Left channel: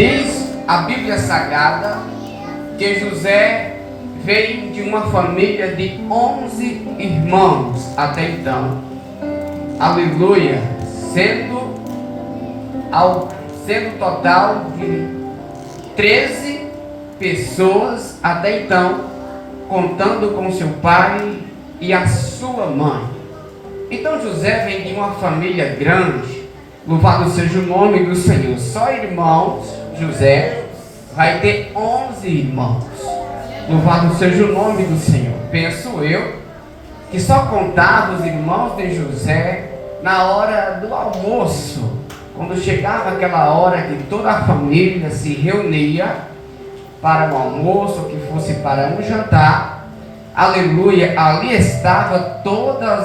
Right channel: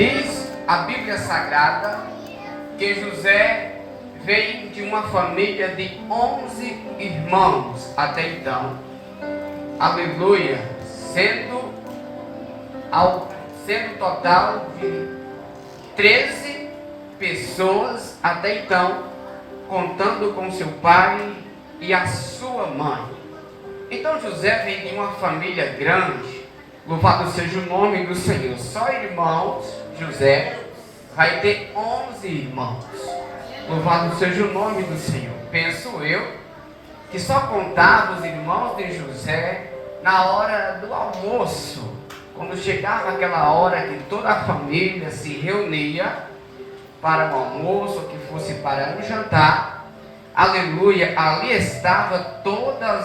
Diz a Bíblia Sagrada que José veio de uma família de 11 irmãos até então. Aleluia! Sendo total de 13 pessoas até então, contando com seu pai e a sua mãe. Então José vem de uma família grande. Louvado seja o nome do Senhor. Só irmãos, José vai ter 11 irmãos. Louvado seja o nome do Senhor. Penso eu que só contava os irmãos de José na hora do almoço, quando chegava aquela hora que toda a família se reunia para o almoço, que fosse para um jantar. Aleluia, ali estava toda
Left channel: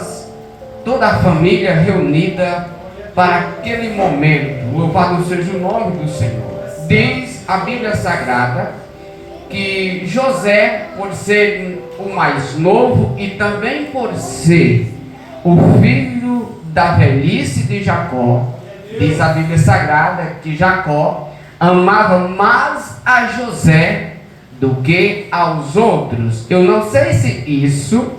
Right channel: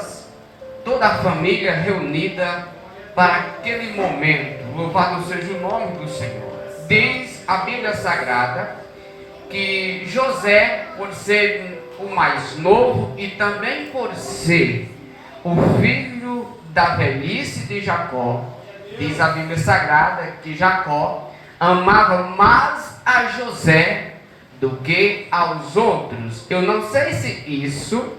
a família reunida para aquele momento. Louvado seja o nome do Senhor. Diz a Bíblia Sagrada que José, por ser o mais novo e também por ser o filho da velhice de Jacó, diz a Bíblia Sagrada que Jacó amava mais a José do que aos outros. Eu não sei se isso,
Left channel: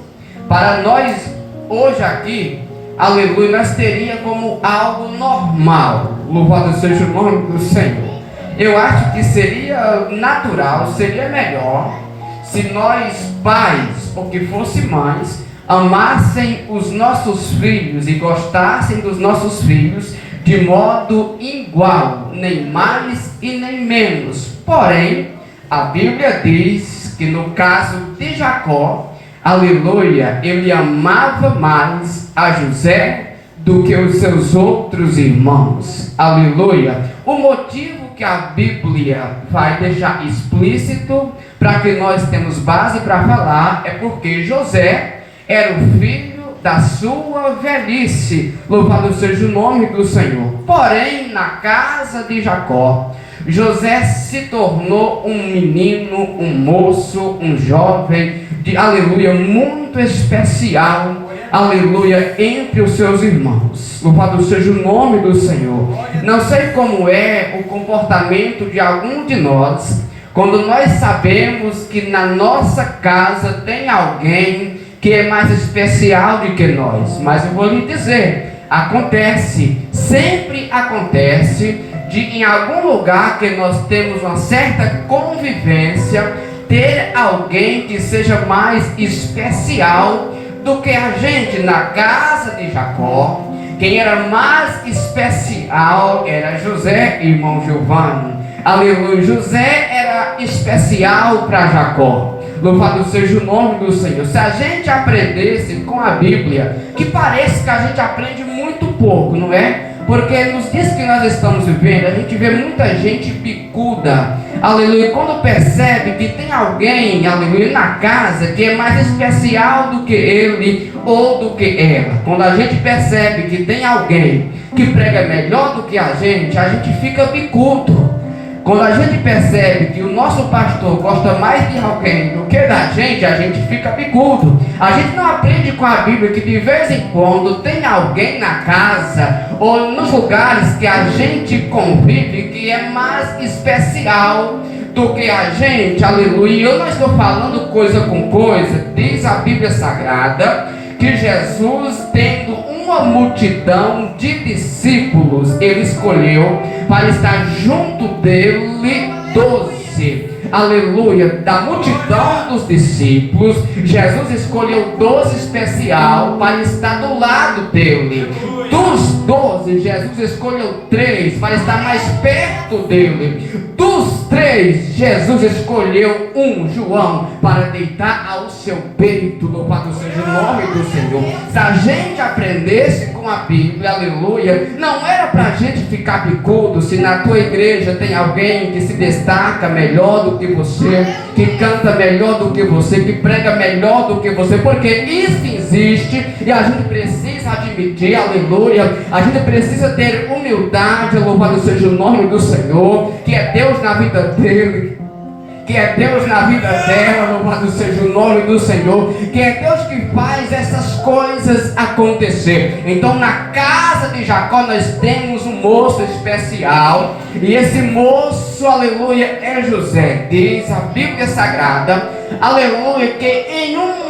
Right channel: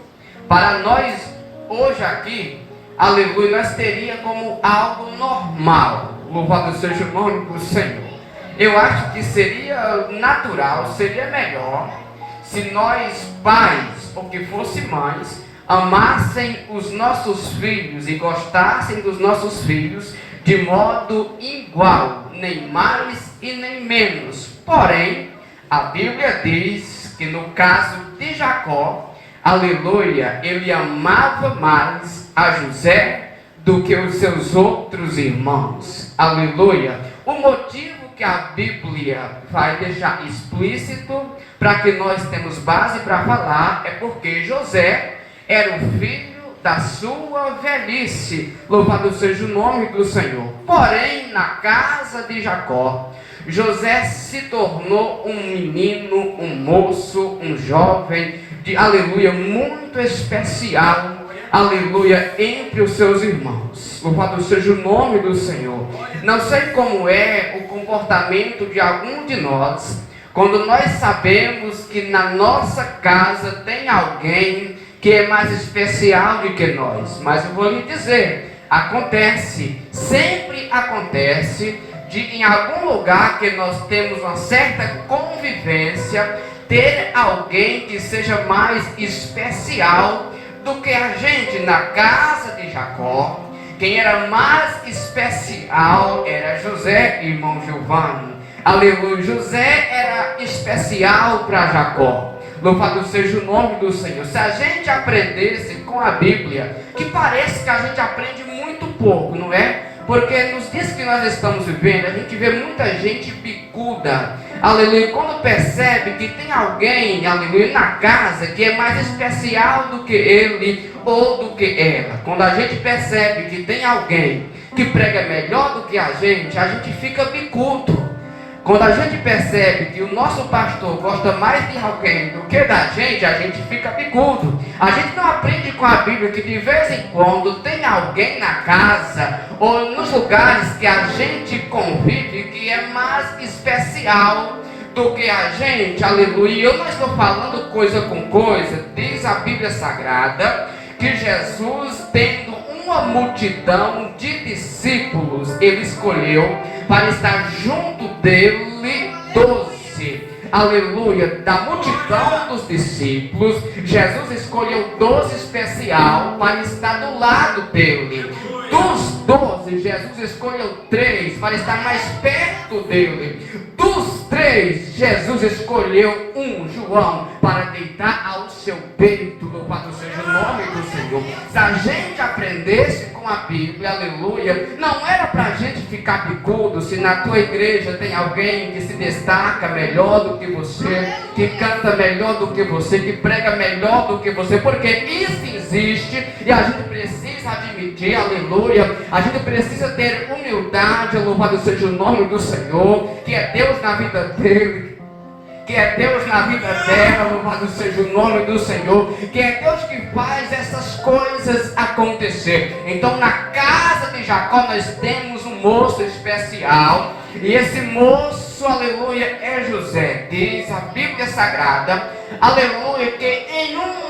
para nós hoje aqui, aleluia, nós teria como algo normal. Louvado seja o nome do Senhor. Eu acho que seria natural, seria melhor se nós pais, ou que fossem mães, amassem os nossos filhos e gostassem dos nossos filhos de modo igual, nem mais e nem menos. Porém, a Bíblia diz que no caso de Jacó, aleluia, ele amava mais a José do que os seus outros irmãos. Aleluia. O motivo que a Bíblia vai deixar explícito, para que nós temos base para falar, é porque José era o filho da sua velhice. Louvado seja o nome do Senhor. Porém, na casa de Jacó, José se tornou um menino, um moço, um jovem, aleluia, muito especial, aleluia, entre os seus irmãos. Louvado seja o nome do Senhor. Não sei como é o comportamento de algum de nós, quando nós sabemos que na nossa casa tem alguém que é mais especial do que nós. Mas eu vou lhe dizer, acontece, sempre acontece, de em algum lugar que nós temos uma certa convivência, ter alguém que seja mais especial do que a gente. Na casa de Jacó, quem era mais especial era José, irmão Giovanni. Aleluia, José era especial para Jacó. Louvado seja o nome do Senhor. Se a gente aprendesse com a Bíblia, que parece que a gente aprende muito pouco, não é? Porque nos dias que nós estamos vivendo, a gente vê muita gente bicuda, aleluia, quando percebe que tem alguém, aleluia, na casa que é mais especial do que ele ou do que ela. Quando a gente percebe que tem alguém que prega melhor do que a gente fica bicudo. Quando a gente percebe que o nosso pastor gosta mais de alguém do que da gente fica bicudo. A gente não aprende com a Bíblia que de vez em quando tem alguém na casa ou nos lugares que a gente convive que é mais especial do que a gente, aleluia. Eu não estou falando coisa com coisa. Diz a Bíblia Sagrada que Jesus, tendo uma multidão de discípulos, ele escolheu para estar junto dele 12. Aleluia. Da multidão dos discípulos, Jesus escolheu 12 especial para estar do lado dele. Dos 12, Jesus escolheu 3 para estar mais perto dele. Dos 3, Jesus escolheu um, João, para deitar ao seu peito. Louvado seja o nome do Senhor. Se a gente aprendesse com a Bíblia, aleluia, não era para a gente ficar bicudo se na tua igreja tem alguém que se destaca melhor do que você, que canta melhor do que você, que prega melhor do que você, porque isso existe e a gente precisa admitir, aleluia, a gente precisa ter humildade, louvado seja o nome do Senhor, que é Deus na vida dele, que é Deus na vida dela, louvado seja o nome do Senhor, que é Deus que faz essas coisas acontecer. Então na casa de Jacó nós temos um um moço especial, e esse moço, aleluia, é José. Diz a Bíblia Sagrada, aleluia, que em um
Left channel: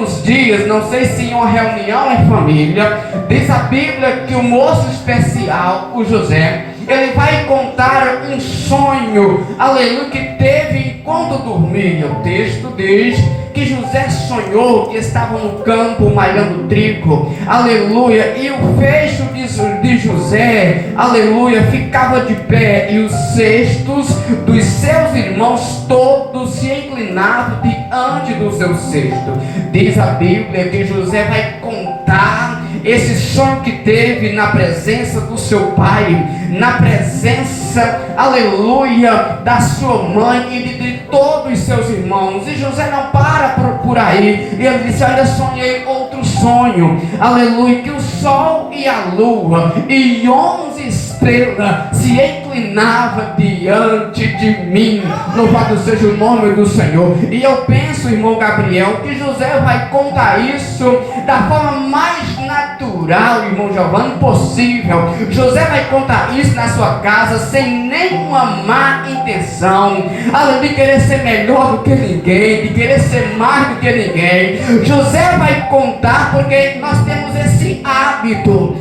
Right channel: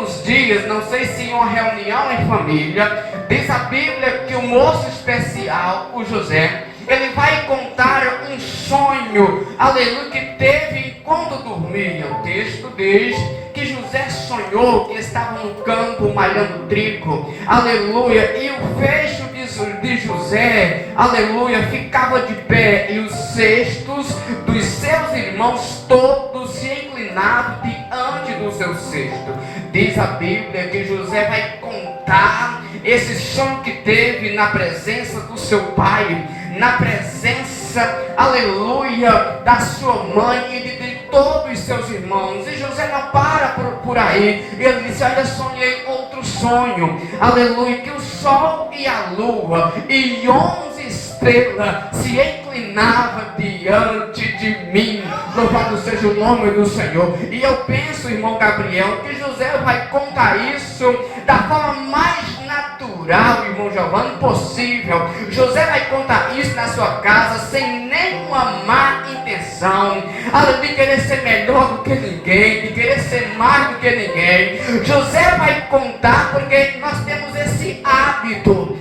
dos dias, não sei se em uma reunião em família, diz a Bíblia que o moço especial, o José, ele vai contar um sonho, aleluia, que teve enquanto dormia. O texto diz que José sonhou que estava no campo malhando trigo, aleluia, e o feixe de José, aleluia, ficava de pé, e os cestos dos seus irmãos todos se inclinavam diante do seu cesto. Diz a Bíblia que José vai contar esse sonho que teve na presença do seu pai, na presença, aleluia, da sua mãe e de todos os seus irmãos. E José não para por aí, e ele disse: olha, sonhei outro sonho, aleluia, que o sol e a lua e 11 estrelas se inclinavam diante de mim. Louvado seja o nome do Senhor. E eu penso, irmão Gabriel, que José vai contar isso da forma mais natural, irmão Giovanni, possível. José vai contar isso na sua casa sem nenhuma má intenção, além de querer ser melhor do que ninguém, de querer ser mais do que ninguém. José vai contar porque nós temos esse hábito,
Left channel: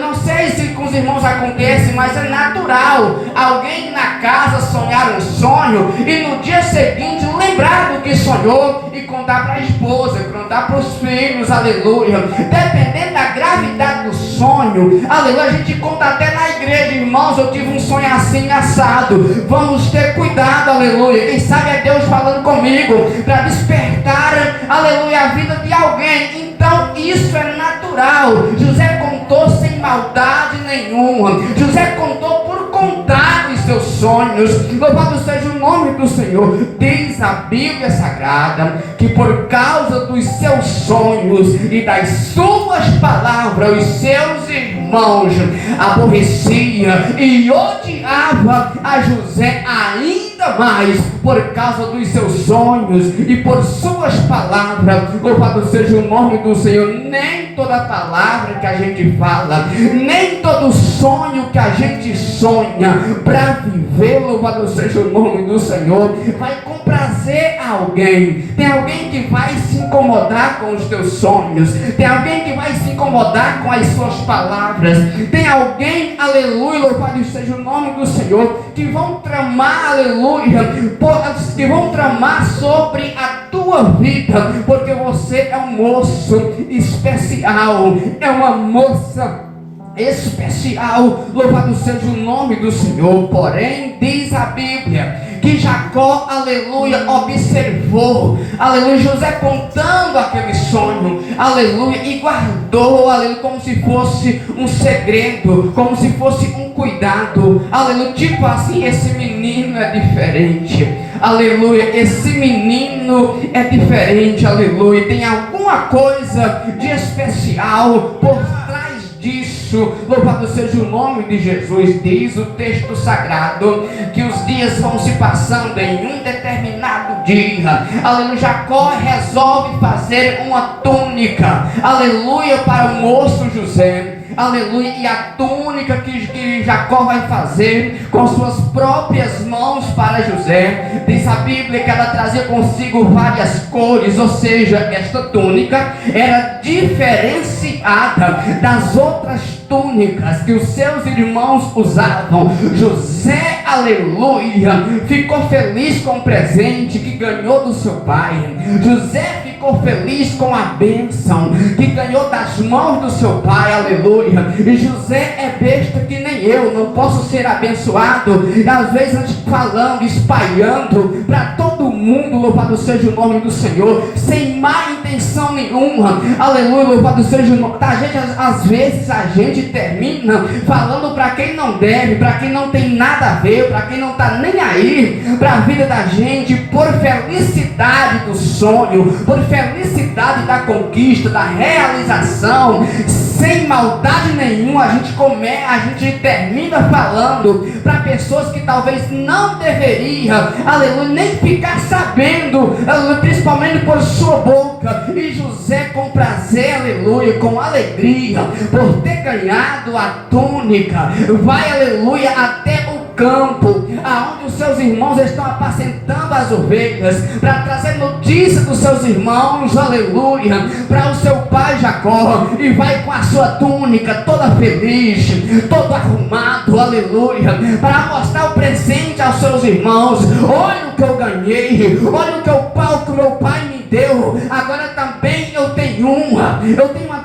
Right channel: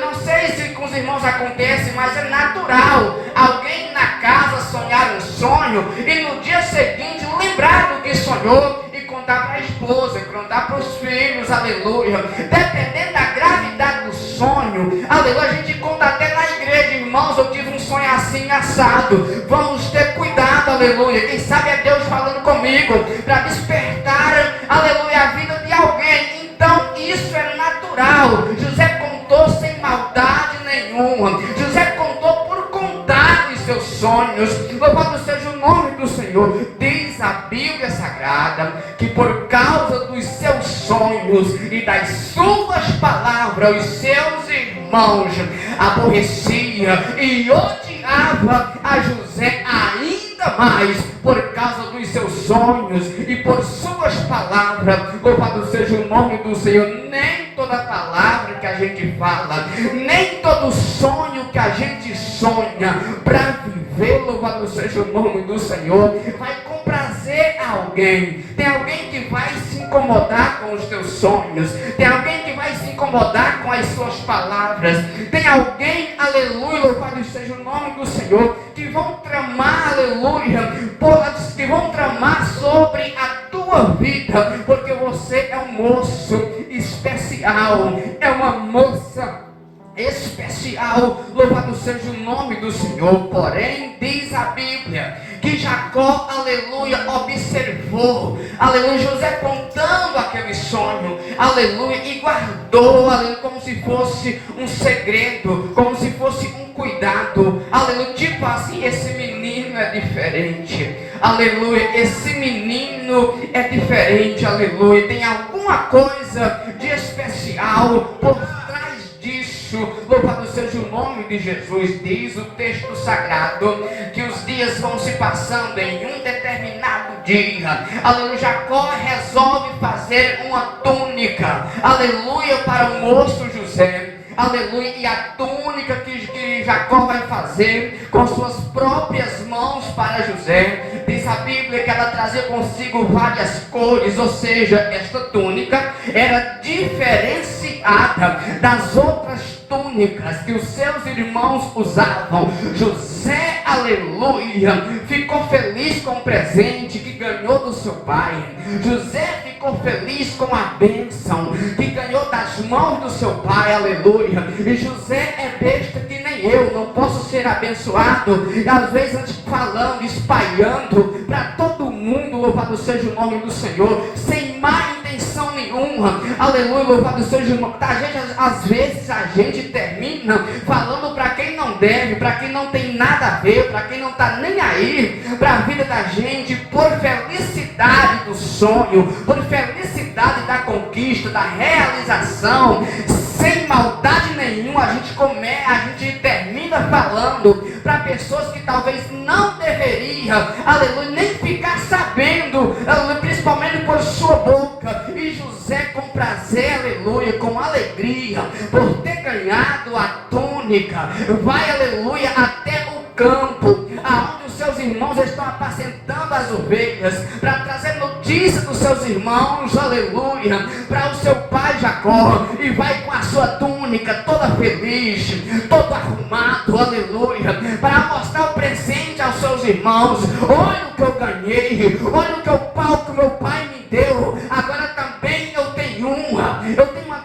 não sei se com os irmãos acontece, mas é natural alguém na casa sonhar um sonho e no dia seguinte lembrar do que sonhou e contar para a esposa, contar para os filhos, aleluia. Dependendo da gravidade do sonho, aleluia, a gente conta até na igreja: irmãos, eu tive um sonho assim assado, vamos ter cuidado, aleluia. Quem sabe é Deus falando comigo para despertar, aleluia, a vida de alguém. Então isso é natural. José contou sem maldade nenhuma, José contou por contar os seus sonhos. Louvado seja o nome do Senhor. Diz a Bíblia Sagrada que por causa dos seus sonhos e das suas palavras, os seus irmãos aborreciam e odiavam a José ainda mais por causa dos seus sonhos e por suas palavras. Louvado seja o nome do Senhor. Nem toda palavra que a gente fala, nem todo sonho que a gente sonha para viver, louvado seja o nome do Senhor, vai comprazer alguém. Tem alguém que vai se incomodar com os teus sonhos, tem alguém que vai se incomodar com as suas palavras, tem alguém, aleluia, louvado seja o nome do Senhor, que vão tramar, aleluia, que vão tramar sobre a tua vida, porque você é um moço especial, é uma moça especial, louvado seja o nome do Senhor. Porém, diz a Bíblia que Jacó, aleluia, observou, aleluia, José contando aquele sonho, aleluia, e guardou, aleluia, como se fosse um segredo, como se fosse um cuidado, aleluia, tipo assim: esse menino é diferente, aleluia, esse menino é diferente, aleluia, tem alguma coisa de especial por trás disso. Louvado seja o nome de Jesus. Diz o texto sagrado que os dias vão se passando. Em um determinado dia, aleluia, Jacó resolve fazer uma túnica, aleluia, para o moço José. Aleluia, e a túnica que Jacó vai fazer com suas próprias mãos para José, diz a Bíblia que ela trazia consigo várias cores, ou seja, esta túnica era diferenciada das outras túnicas que os seus irmãos usavam. José, aleluia, ficou feliz com o presente que ganhou do seu pai. José ficou feliz com a bênção que ganhou das mãos do seu pai, aleluia. E José é besta que nem eu, não posso ser abençoado, e às vezes a gente falando, espalhando para todo mundo, louvado seja o nome do Senhor, sem má intenção nenhuma, aleluia, louvado seja o nome da gente. Às vezes a gente termina falando para quem não deve, para quem não tem nada a ver, para quem não está nem aí para a vida da gente, por felicidade do sonho, por felicidade da conquista, da realização, sem maldade nenhuma, a gente termina falando para pessoas que talvez não deveriam, aleluia, nem ficar sabendo, aleluia, principalmente por sua boca. E José, com prazer, aleluia, com alegria, por ter ganhado a túnica, vai, aleluia, até o campo, aonde os seus irmãos estão apacentando as ovelhas, para trazer notícia dos seus irmãos, aleluia, para o seu pai Jacó, e vai com a sua túnica toda feliz, todo arrumado, aleluia, para mostrar o presente aos seus irmãos. Olha o que eu ganhei, olha o que o pau que meu pai me deu, agora também eu tenho uma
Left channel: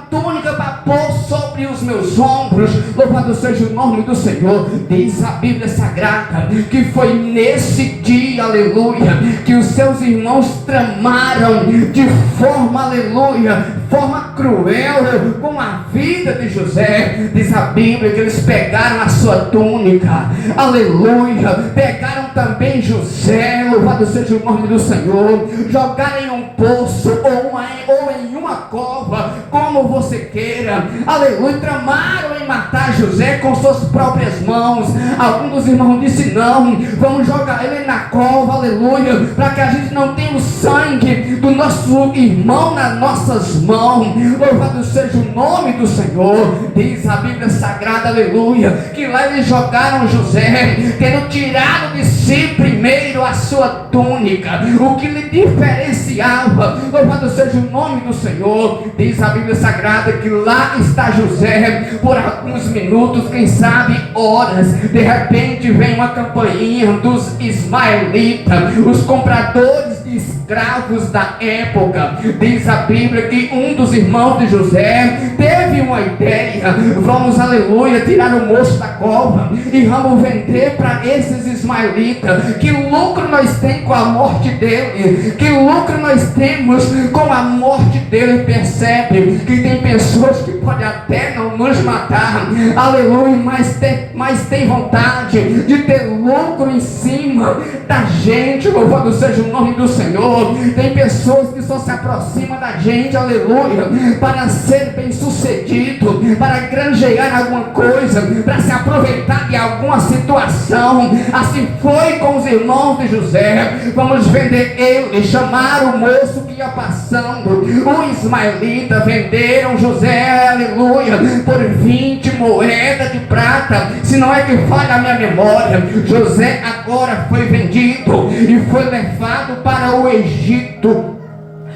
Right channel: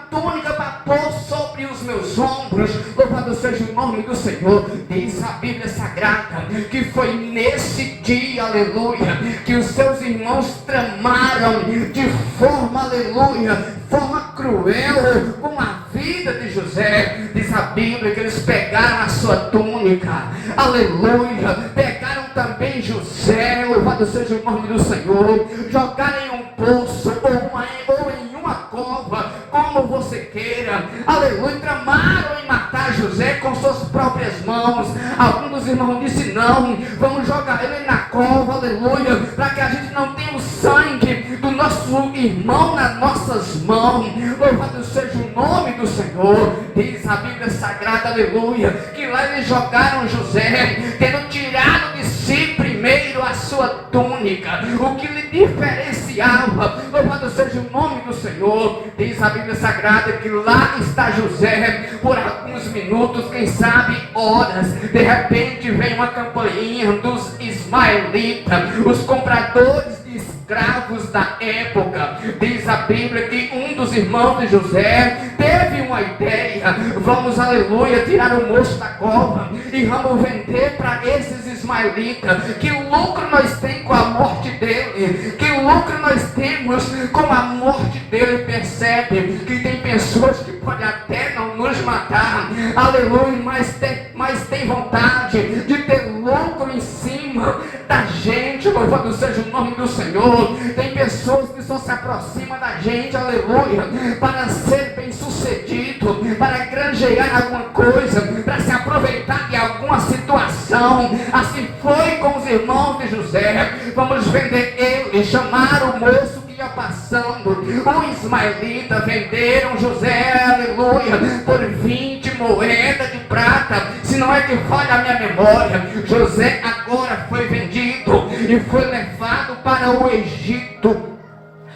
túnica para pôr sobre os meus ombros. Louvado seja o nome do Senhor. Diz a Bíblia Sagrada que foi nesse dia, aleluia, que os seus irmãos tramaram de forma, aleluia, forma cruel com a vida de José. Diz a Bíblia que eles pegaram a sua túnica, aleluia, pegaram também José, louvado seja o nome do Senhor, jogaram em um poço ou em uma cova, como você queira, aleluia, tramaram em matar José com suas próprias mãos. Alguns dos irmãos disseram: não, vamos jogar ele na cova, aleluia, para que a gente não tenha o sangue do nosso irmão nas nossas mãos. Louvado seja o nome do Senhor. Diz a Bíblia Sagrada, aleluia, que lá eles jogaram José, tendo tirado de si primeiro a sua túnica, o que lhe diferenciava. Louvado seja o nome do Senhor. Diz a Bíblia Sagrada que lá está José por alguns minutos, quem sabe horas. De repente vem uma campainha dos ismaelitas, os compradores de escravos da época. Diz a Bíblia que um dos irmãos de José teve uma ideia: vamos, aleluia, tirar o moço da cova e vamos vender para esses ismaelitas. Que lucro nós temos com a morte dele? Que lucro nós temos com a morte dele? Percebe que tem pessoas que podem até não nos matar, aleluia, mas tem vontade de ter lucro em cima da gente. Louvado seja o nome do Senhor. Tem pessoas que só se aproximam da gente, aleluia, para ser bem sucedido, para granjear alguma coisa, para se aproveitar de alguma situação. Assim foi com os irmãos de José. Vamos vender ele. Chamaram o moço que ia passando, o ismaelita, venderam José, aleluia, por 20 moedas de prata, se não é que falha a minha memória. José agora foi vendido e foi levado para o Egito.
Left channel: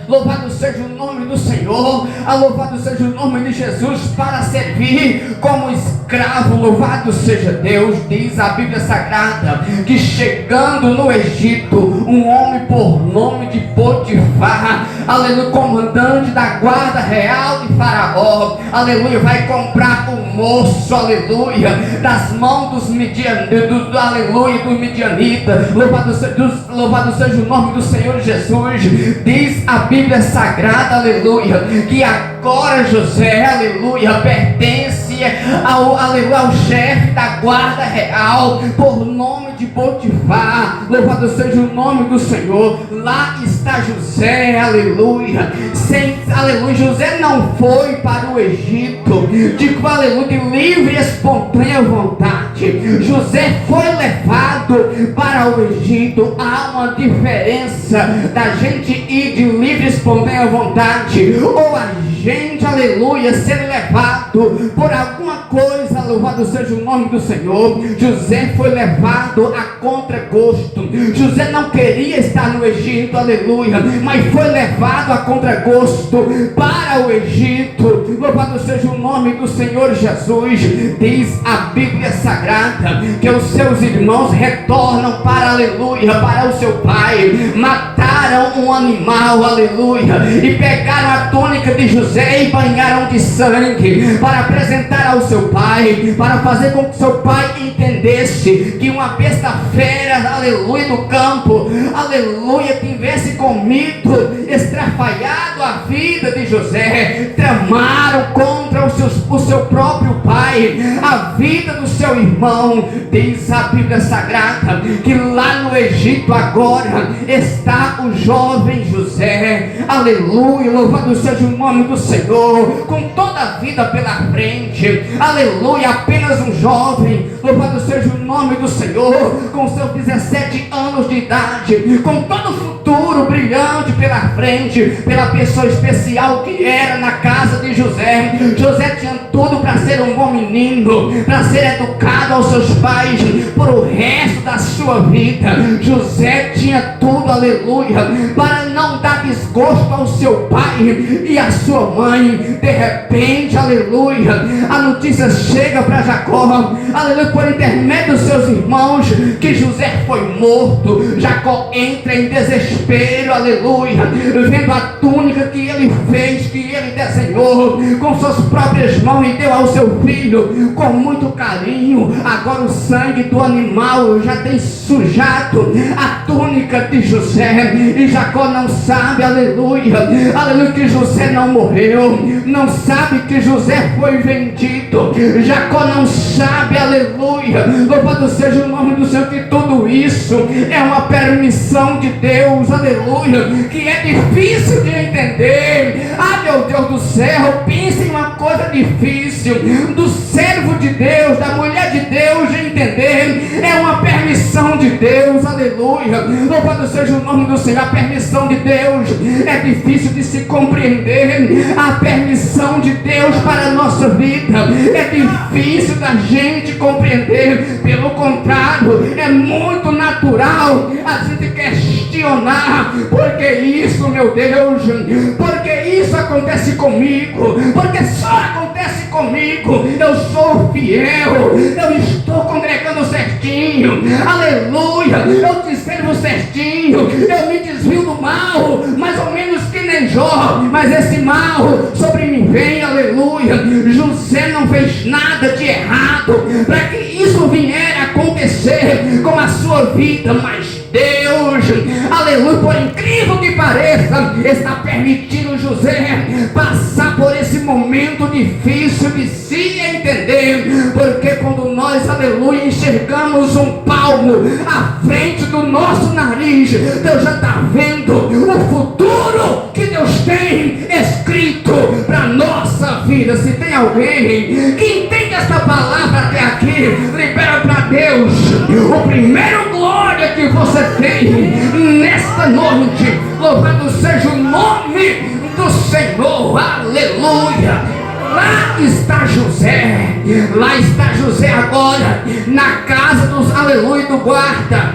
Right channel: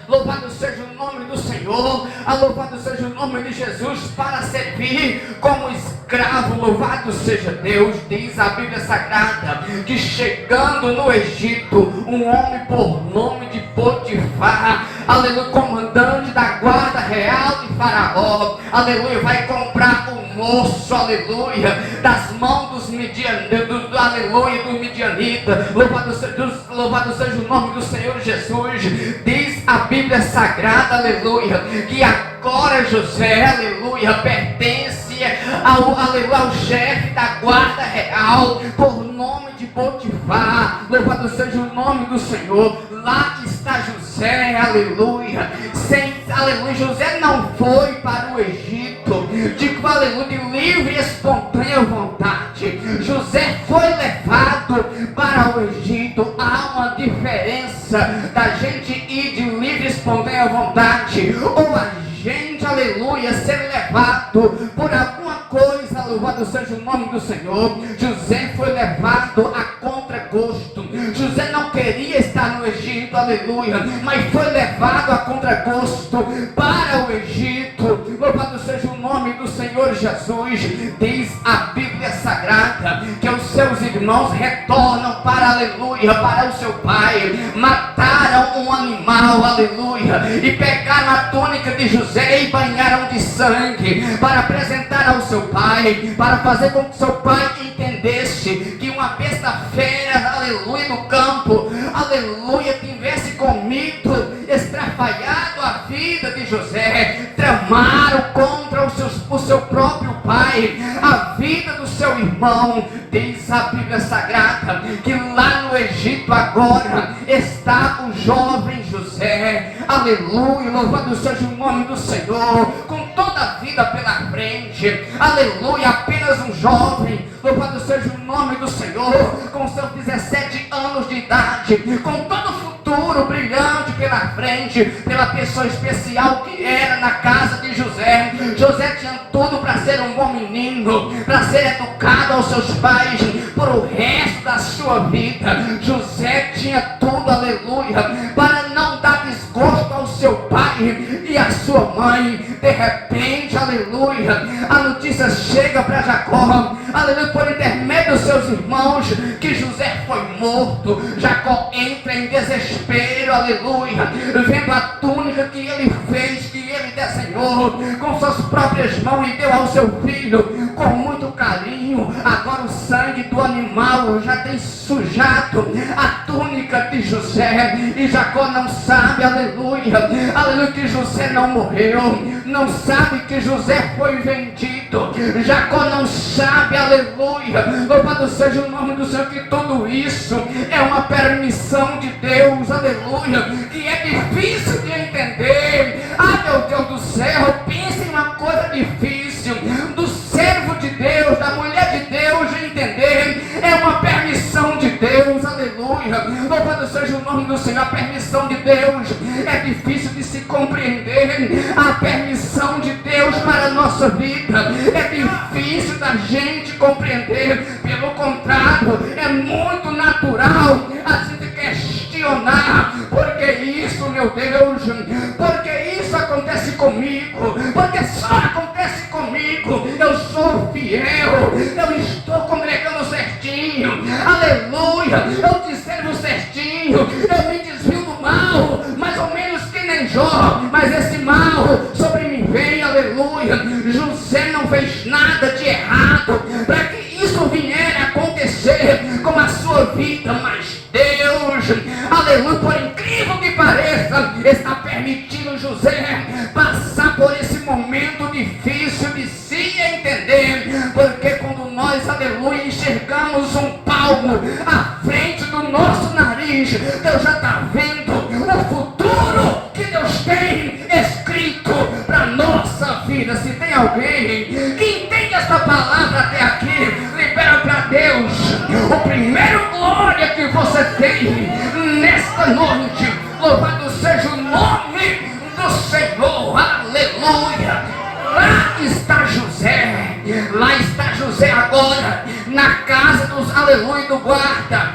Louvado seja o nome do Senhor, louvado seja o nome de Jesus, para servir como escravo. Louvado seja Deus. Diz a Bíblia Sagrada que chegando no Egito, um homem por nome de Potifar, aleluia, comandante da guarda real de Faraó, aleluia, vai comprar o moço, aleluia, das mãos dos midianitas, aleluia, dos midianitas. Louvado seja o nome do Senhor Jesus. Diz a Bíblia Sagrada, aleluia, que agora José, aleluia, pertence ao chefe da guarda real por nome de Potifar. Louvado seja o nome do Senhor. Lá está José, aleluia. Aleluia, José não foi para o Egito aleluia, de livre e espontânea vontade. José foi levado para o Egito. Há uma diferença da gente ir de livre e espontânea vontade, ou a gente, aleluia, ser levado por alguma coisa. Louvado seja o nome do Senhor. José foi levado a contragosto. José não queria estar no Egito, aleluia, mas foi levado a contragosto para o Egito. Louvado seja o nome do Senhor Jesus. Diz a Bíblia Sagrada que os seus irmãos retornam para, aleluia, para o seu pai. Mataram um animal, aleluia, e pegaram a túnica de José e banharam de sangue para apresentar ao seu pai, para fazer com que seu pai entendesse que uma besta fera, aleluia, meio do campo, aleluia, tivesse comido, estrafalhado a vida de José, tramaram contra o seu próprio pai, a vida do seu irmão. Diz a Bíblia Sagrada que lá no Egito agora está o jovem José, aleluia, louvado seja o nome do Senhor, com toda a vida pela frente, aleluia, apenas um jovem, louvado seja o nome do Senhor, com seus 17 anos de idade, com todo o futuro brilhante pela frente, pela pessoa especial que era na casa de José. José tinha tudo para ser um bom menino, para ser educado aos seus pais por o resto da sua vida. José tinha tudo, aleluia, para não dar desgosto ao seu pai e à sua mãe. De repente, aleluia, a notícia chega para Jacó, aleluia, por intermédio dos seus irmãos, que José foi morto. Jacó entra em desespero, aleluia, vendo a túnica que ele fez, que ele desenhou com suas próprias mãos e deu ao seu filho com muito carinho. Agora o sangue do animal já tem sujado a túnica de José, e Jacó não sabe, aleluia, aleluia, que José não morreu, não sabe que José foi vendido. Jacó não sabe, aleluia, louvado seja o nome do Senhor, que tudo isso é uma permissão de Deus, aleluia, que é difícil de entender. Ah, meu Deus do céu, pense em uma coisa difícil do servo de Deus, da mulher de Deus, de entender. É uma permissão de Deus, aleluia, louvado seja o nome do Senhor. A permissão de Deus é difícil de se compreender. A permissão de Deus para a nossa vida é difícil da gente compreender. Pelo contrário, é muito natural a gente questionar: por que isso, meu Deus? Por que isso acontece comigo? Porque só acontece comigo. Eu sou fiel, eu estou congregando certinho, aleluia, eu te servo certinho, eu me desvio do mal, mais ou menos que nem Jó, mas esse mal sobre mim vem, aleluia. José não fez nada de errado para que isso vier a acontecer com a sua vida, mas Deus, aleluia, por incrível que pareça, está permitindo José passar por esse momento difícil de se entender, porque quando nós, aleluia, enxergamos um palmo à frente do nosso nariz, Deus já está vendo o futuro que Deus tem escrito para nossa vida. Se tem alguém que entende essa palavra até aqui, libera para Deus o primeiro glória que você tem nesta noite. Louvado seja o nome do Senhor, aleluia. Lá está José agora, na casa dos, aleluia, do guarda,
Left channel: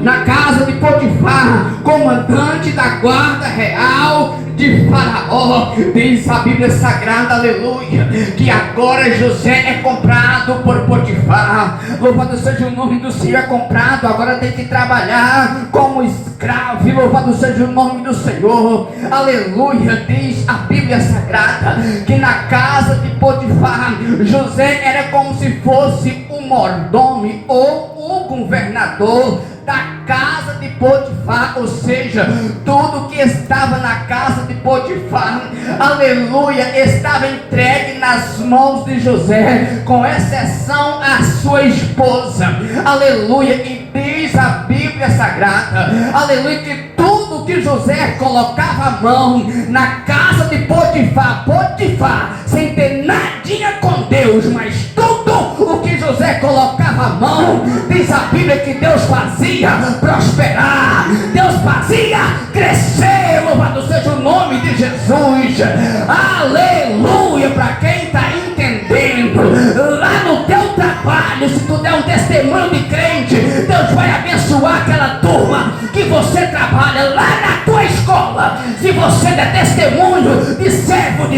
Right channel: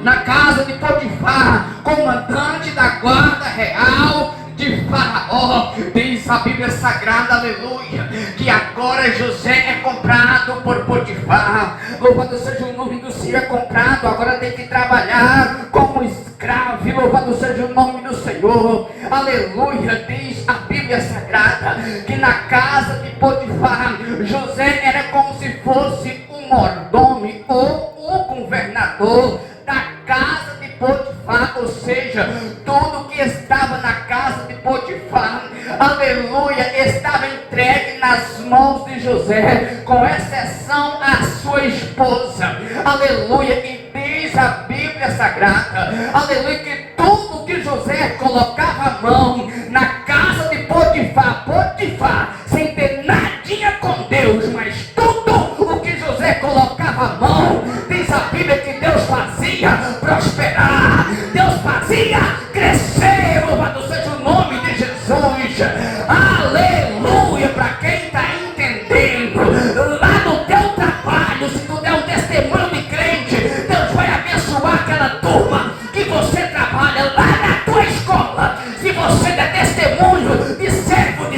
na casa de Potifar, comandante da guarda real de Faraó. Diz a Bíblia Sagrada, aleluia, que agora José é comprado por Potifar. Louvado seja o nome do Senhor. É comprado, agora tem que trabalhar como escravo. Louvado seja o nome do Senhor, aleluia. Diz a Bíblia Sagrada que na casa de Potifar, José era como se fosse o mordomo ou o governador da casa de Potifar, ou seja, tudo que estava na casa de Potifar, aleluia, estava entregue nas mãos de José, com exceção a sua esposa, aleluia. E diz a Bíblia Sagrada, aleluia, que tudo que José colocava a mão na casa de Potifar, sem ter nadinha com Deus, mas tudo o que José colocava a mão, diz a Bíblia que Deus fazia prosperar, Deus fazia crescer. Louvado seja o nome de Jesus, aleluia. Para quem está entendendo, lá no teu trabalho, se tu der um testemunho de crente, Deus vai abençoar aquela turma que você trabalha. Lá na tua escola, se você der testemunho de serva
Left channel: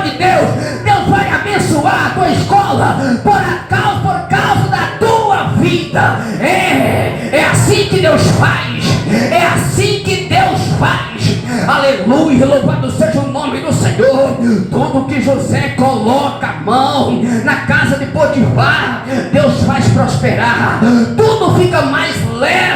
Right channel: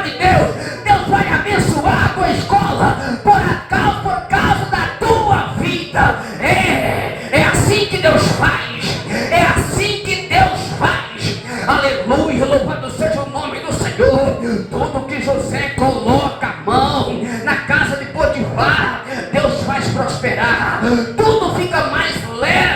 de Deus, Deus vai abençoar a tua escola por causa da tua vida. É assim que Deus faz, é assim que Deus faz, aleluia. Louvado seja o nome do Senhor. Tudo que José coloca a mão na casa de Potifar, Deus faz prosperar, tudo fica mais leve.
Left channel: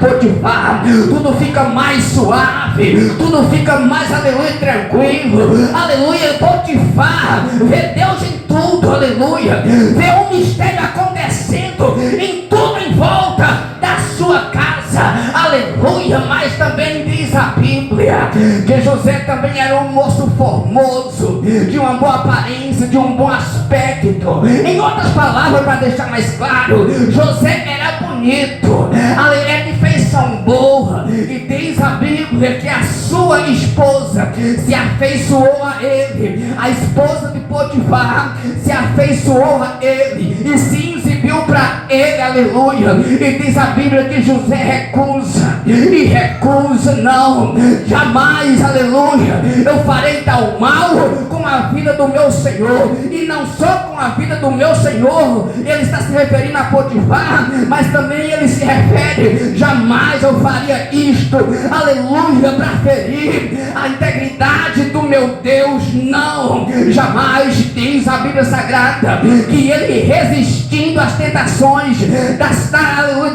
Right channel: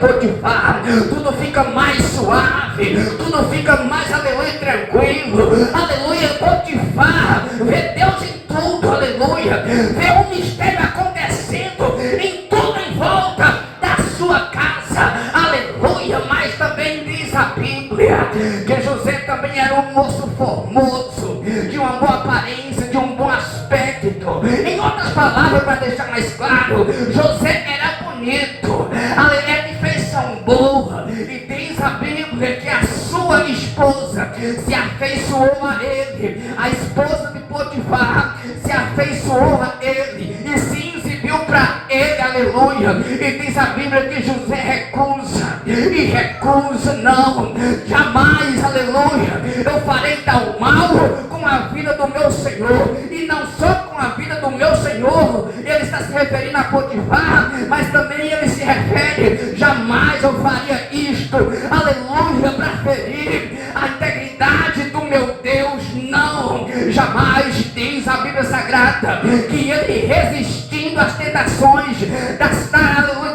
Potifar, tudo fica mais suave, tudo fica mais, aleluia, tranquilo, aleluia. Potifar vê Deus em tudo, aleluia, vê um mistério acontecendo em tudo em volta da sua casa, aleluia. Mas também diz a Bíblia que José também era um moço formoso, de uma boa aparência, de um bom aspecto. Em outras palavras, para deixar mais claro, José era bonito, era de feição boa. E diz a Bíblia que a sua esposa se afeiçoou a ele, a esposa de Potifar se afeiçoou a ele e se exibiu para ele, aleluia. E diz a Bíblia que José recusa, e recusa não, jamais, aleluia, eu farei tal mal com a vida do meu Senhor. E não só com a vida do meu Senhor, ele está se referindo a Potifar, mas também ele se refere, jamais eu faria isto, aleluia, para ferir a integridade do meu Deus, não, jamais. Diz a Bíblia Sagrada que ele, resistindo às tentações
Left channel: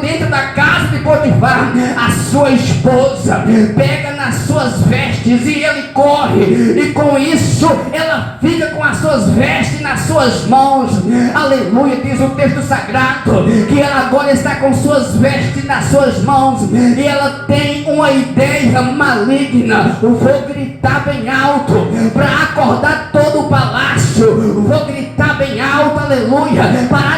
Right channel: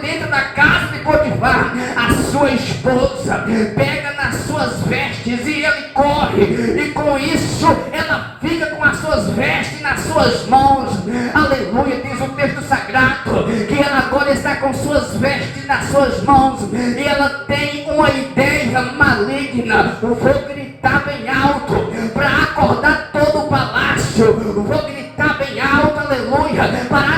dentro da casa de Potifar, a sua esposa pega nas suas vestes e ele corre, e com isso ela fica com as suas vestes nas suas mãos, aleluia. Diz o texto sagrado que ela agora está com suas vestes nas suas mãos e ela tem uma ideia maligna: vou gritar bem alto para acordar todo o palácio, vou gritar bem alto, aleluia, para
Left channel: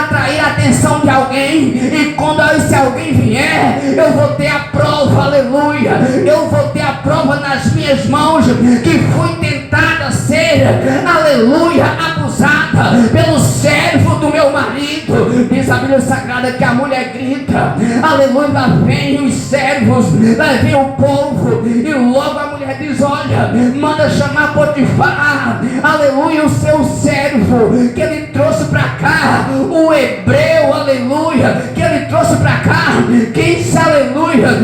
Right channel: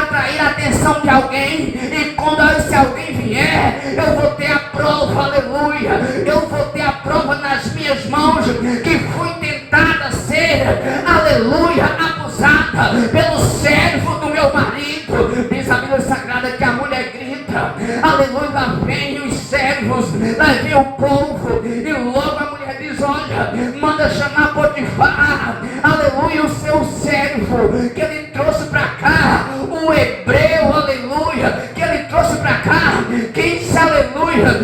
atrair a atenção de alguém, e quando esse alguém vier, eu vou ter a prova, aleluia, eu vou ter a prova nas minhas mãos que fui tentada a ser, aleluia, abusada pelo servo do meu marido. Diz a Bíblia Sagrada que a mulher grita, aleluia, lá vem os servos, lá vem o povo, e logo a mulher diz: olha, manda chamar Potifar, aleluia, o seu servo que ele trouxe para cá, o hebreu, aleluia, que ele trouxe para cá, quis, aleluia,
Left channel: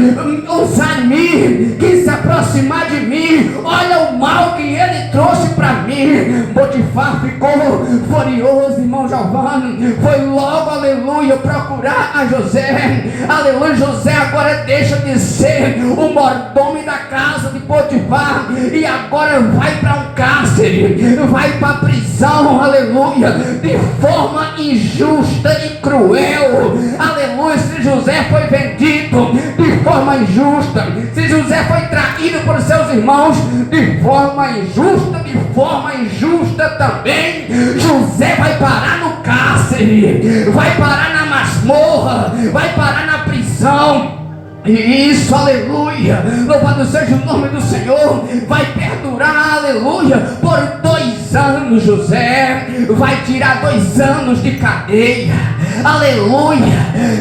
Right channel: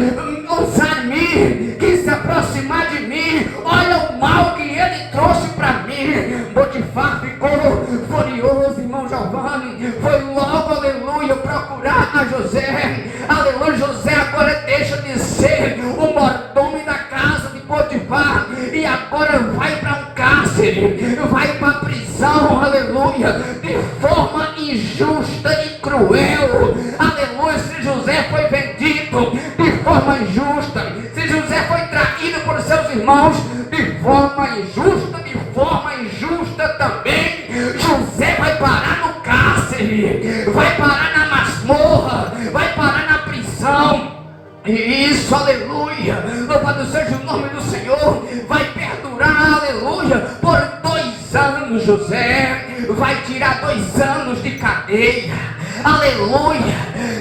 usar mim, quis se aproximar de mim, olha o mal que ele trouxe para mim. Potifar ficou furioso, irmão Giovanni, foi logo, aleluia, procurar a José, aleluia. José agora deixa de ser o mordomo da casa de Potifar e agora vai para um cárcere, vai para a prisão, aleluia, de forma injusta e cruel, aleluia. Se José foi vendido de forma injusta, se José foi traído por seus irmãos de forma injusta também, José vai parar no cárcere, vai parar na masmorra, vai parar na prisão. E isso, aleluia, louvado seja o nome do Senhor, vai perdurar, aleluia, por 2 anos. José vai tirar 2 anos de cadeia, aleluia,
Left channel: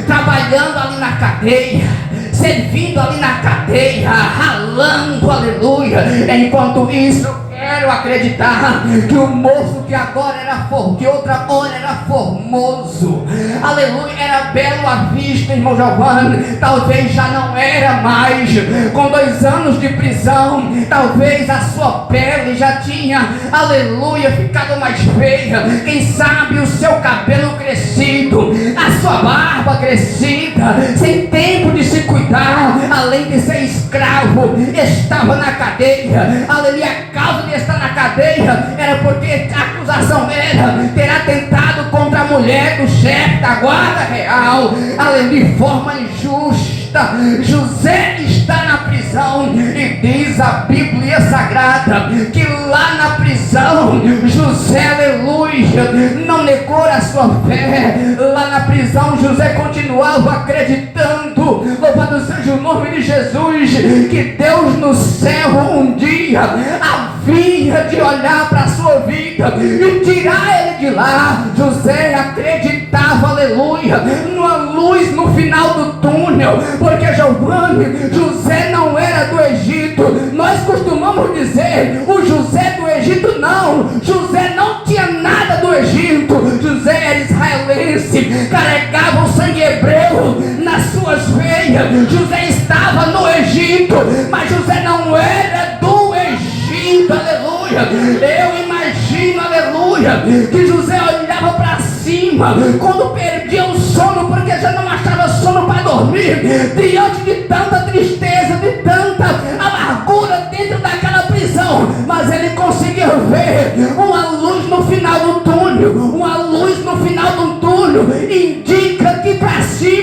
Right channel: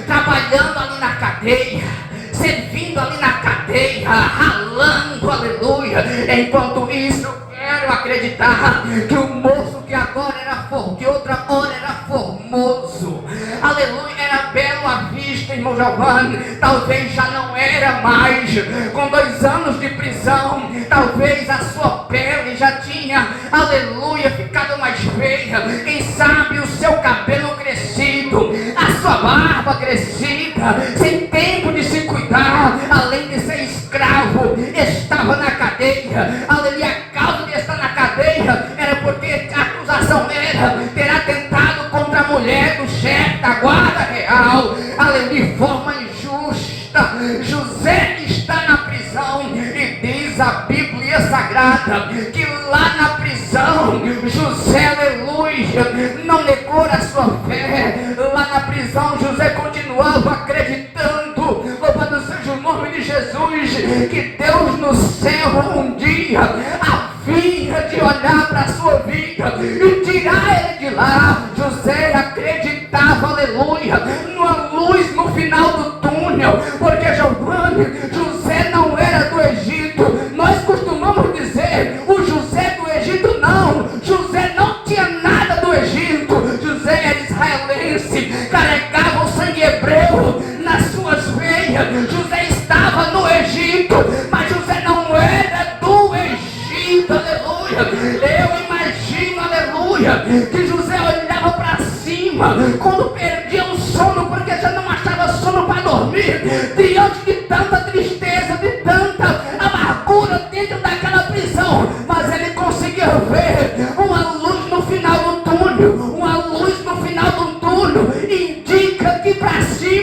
trabalhando ali na cadeia, servindo ali na cadeia, ralando, aleluia. Enquanto isso, quero acreditar que o moço que agora era que outra hora era formoso, aleluia, era belo à vista, irmão Giovanni, talvez já não era mais. Com 2 anos de prisão, talvez a sua pele já tinha, aleluia, ficado mais feia. Quem sabe o seu cabelo crescido, a sua barba crescida, sem tempo de se cuidar, além de ser escravo, estava na cadeia, aleluia. A causa de estar na cadeia era porque a acusação era ter atentado contra a mulher do chefe da guarda real, aleluia, de forma injusta. José está na prisão e diz a Bíblia Sagrada que lá na prisão José, aleluia, não negou a sua fé. Lá na prisão José continuava acreditando, louvado seja o nome de Jesus, que Deus no céu um dia havia de olhar para a sua vida e tirar ele de lá. José acreditava, aleluia, numa luz no final do túnel, porque Giovanni, José não era do Egito. Nós costumamos dizer, o José do Egito não, José não tinha nada do Egito. José era israelense, carregava o sangue hebreu nas suas veias. José estava no Egito, mas José não era do Egito, aleluia. Eu imagino, aleluia, que José olhava para cima quando perdia o sono, porque já não achava sono para dormir, diante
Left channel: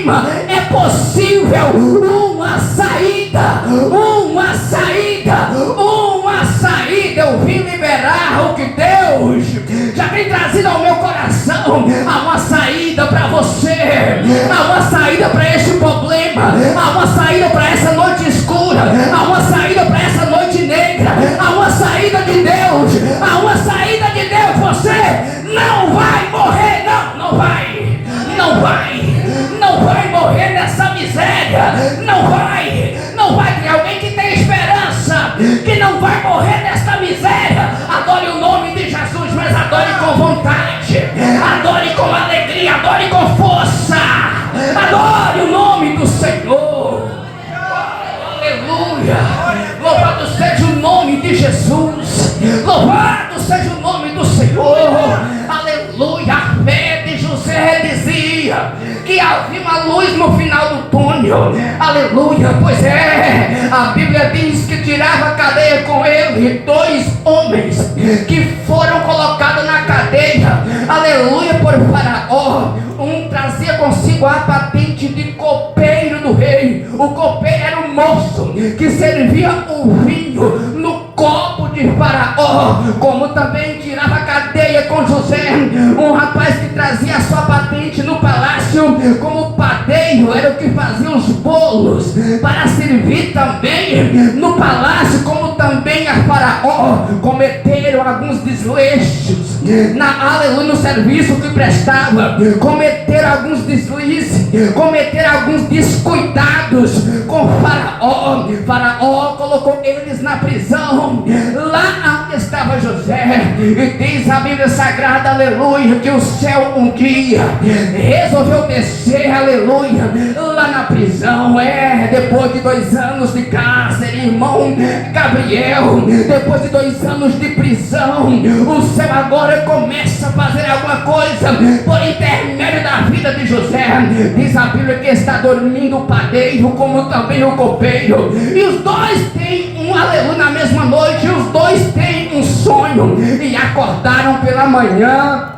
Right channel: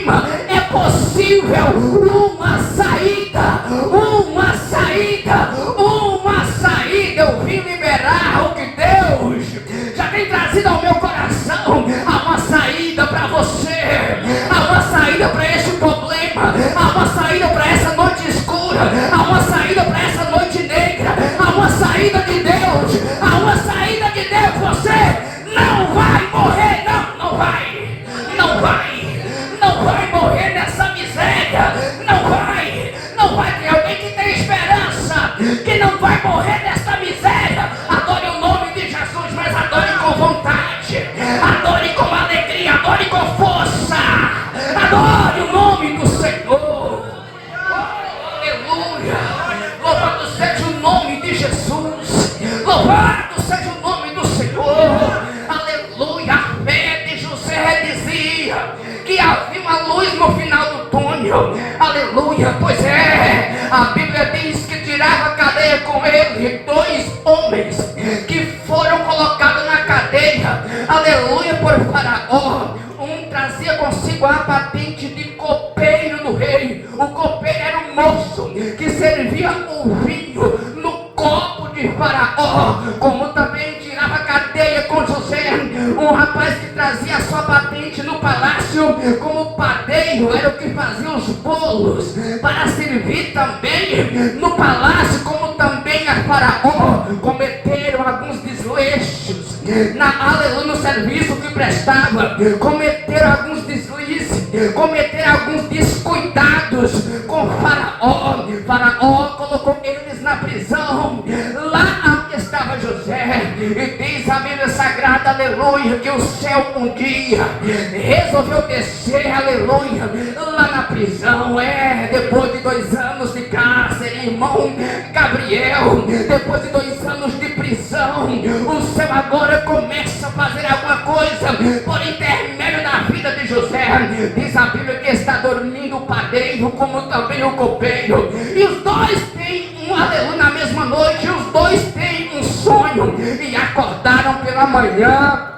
problema, é possível uma saída, uma saída, uma saída. Eu vim liberar o que Deus já tem trazido ao meu coração. Há uma saída para você, há uma saída para este problema, há uma saída para essa noite escura, há uma saída para essa noite negra, há uma saída de Deus, há uma saída de Deus. Você não vai morrer, não vai, não vai, não vai morrer nessa miséria, não vai. Tem alguém que tem esperança, que não vai morrer nessa miséria. Adore o nome de Jesus, mas adore com vontade, adore com alegria, adore com força, adore o nome do Senhor. Aleluia, louvado seja o nome de Jesus, louvado seja o nome do Senhor. Aleluia, a fé de José dizia que havia uma luz no final do túnel. Aleluia, pois é, a Bíblia diz que tirava a cadeia com ele 2 homens que foram colocados na cadeia, aleluia, por Faraó. Um trazia consigo a patente de copeiro do rei. O copeiro era um moço que servia o vinho no copo de Faraó, como também tirava a cadeia com José, um rapaz que trazia a sua patente no palácio como padeiro, era o que fazia os bolos para servir também no palácio, como também a Faraó. Cometeram alguns desleixos aleluia, no serviço que prestava, cometeram alguns deslizes, cometeram alguns descuidados com Faraó. Faraó colocou eles na prisão, lá onde estava José. E diz a Bíblia Sagrada, aleluia, que o céu um dia resolveu descer, aleluia, lá na prisão. Depois de 2 anos de cárcere, irmão Gabriel, depois de 2 anos de prisão, o céu agora começa a fazer alguma coisa por intermédio da vida de José. Diz a Bíblia que está dormindo o padeiro, como também o copeiro, e os dois têm aleluia, na mesma noite, os dois têm um sonho, e acordaram pela manhã,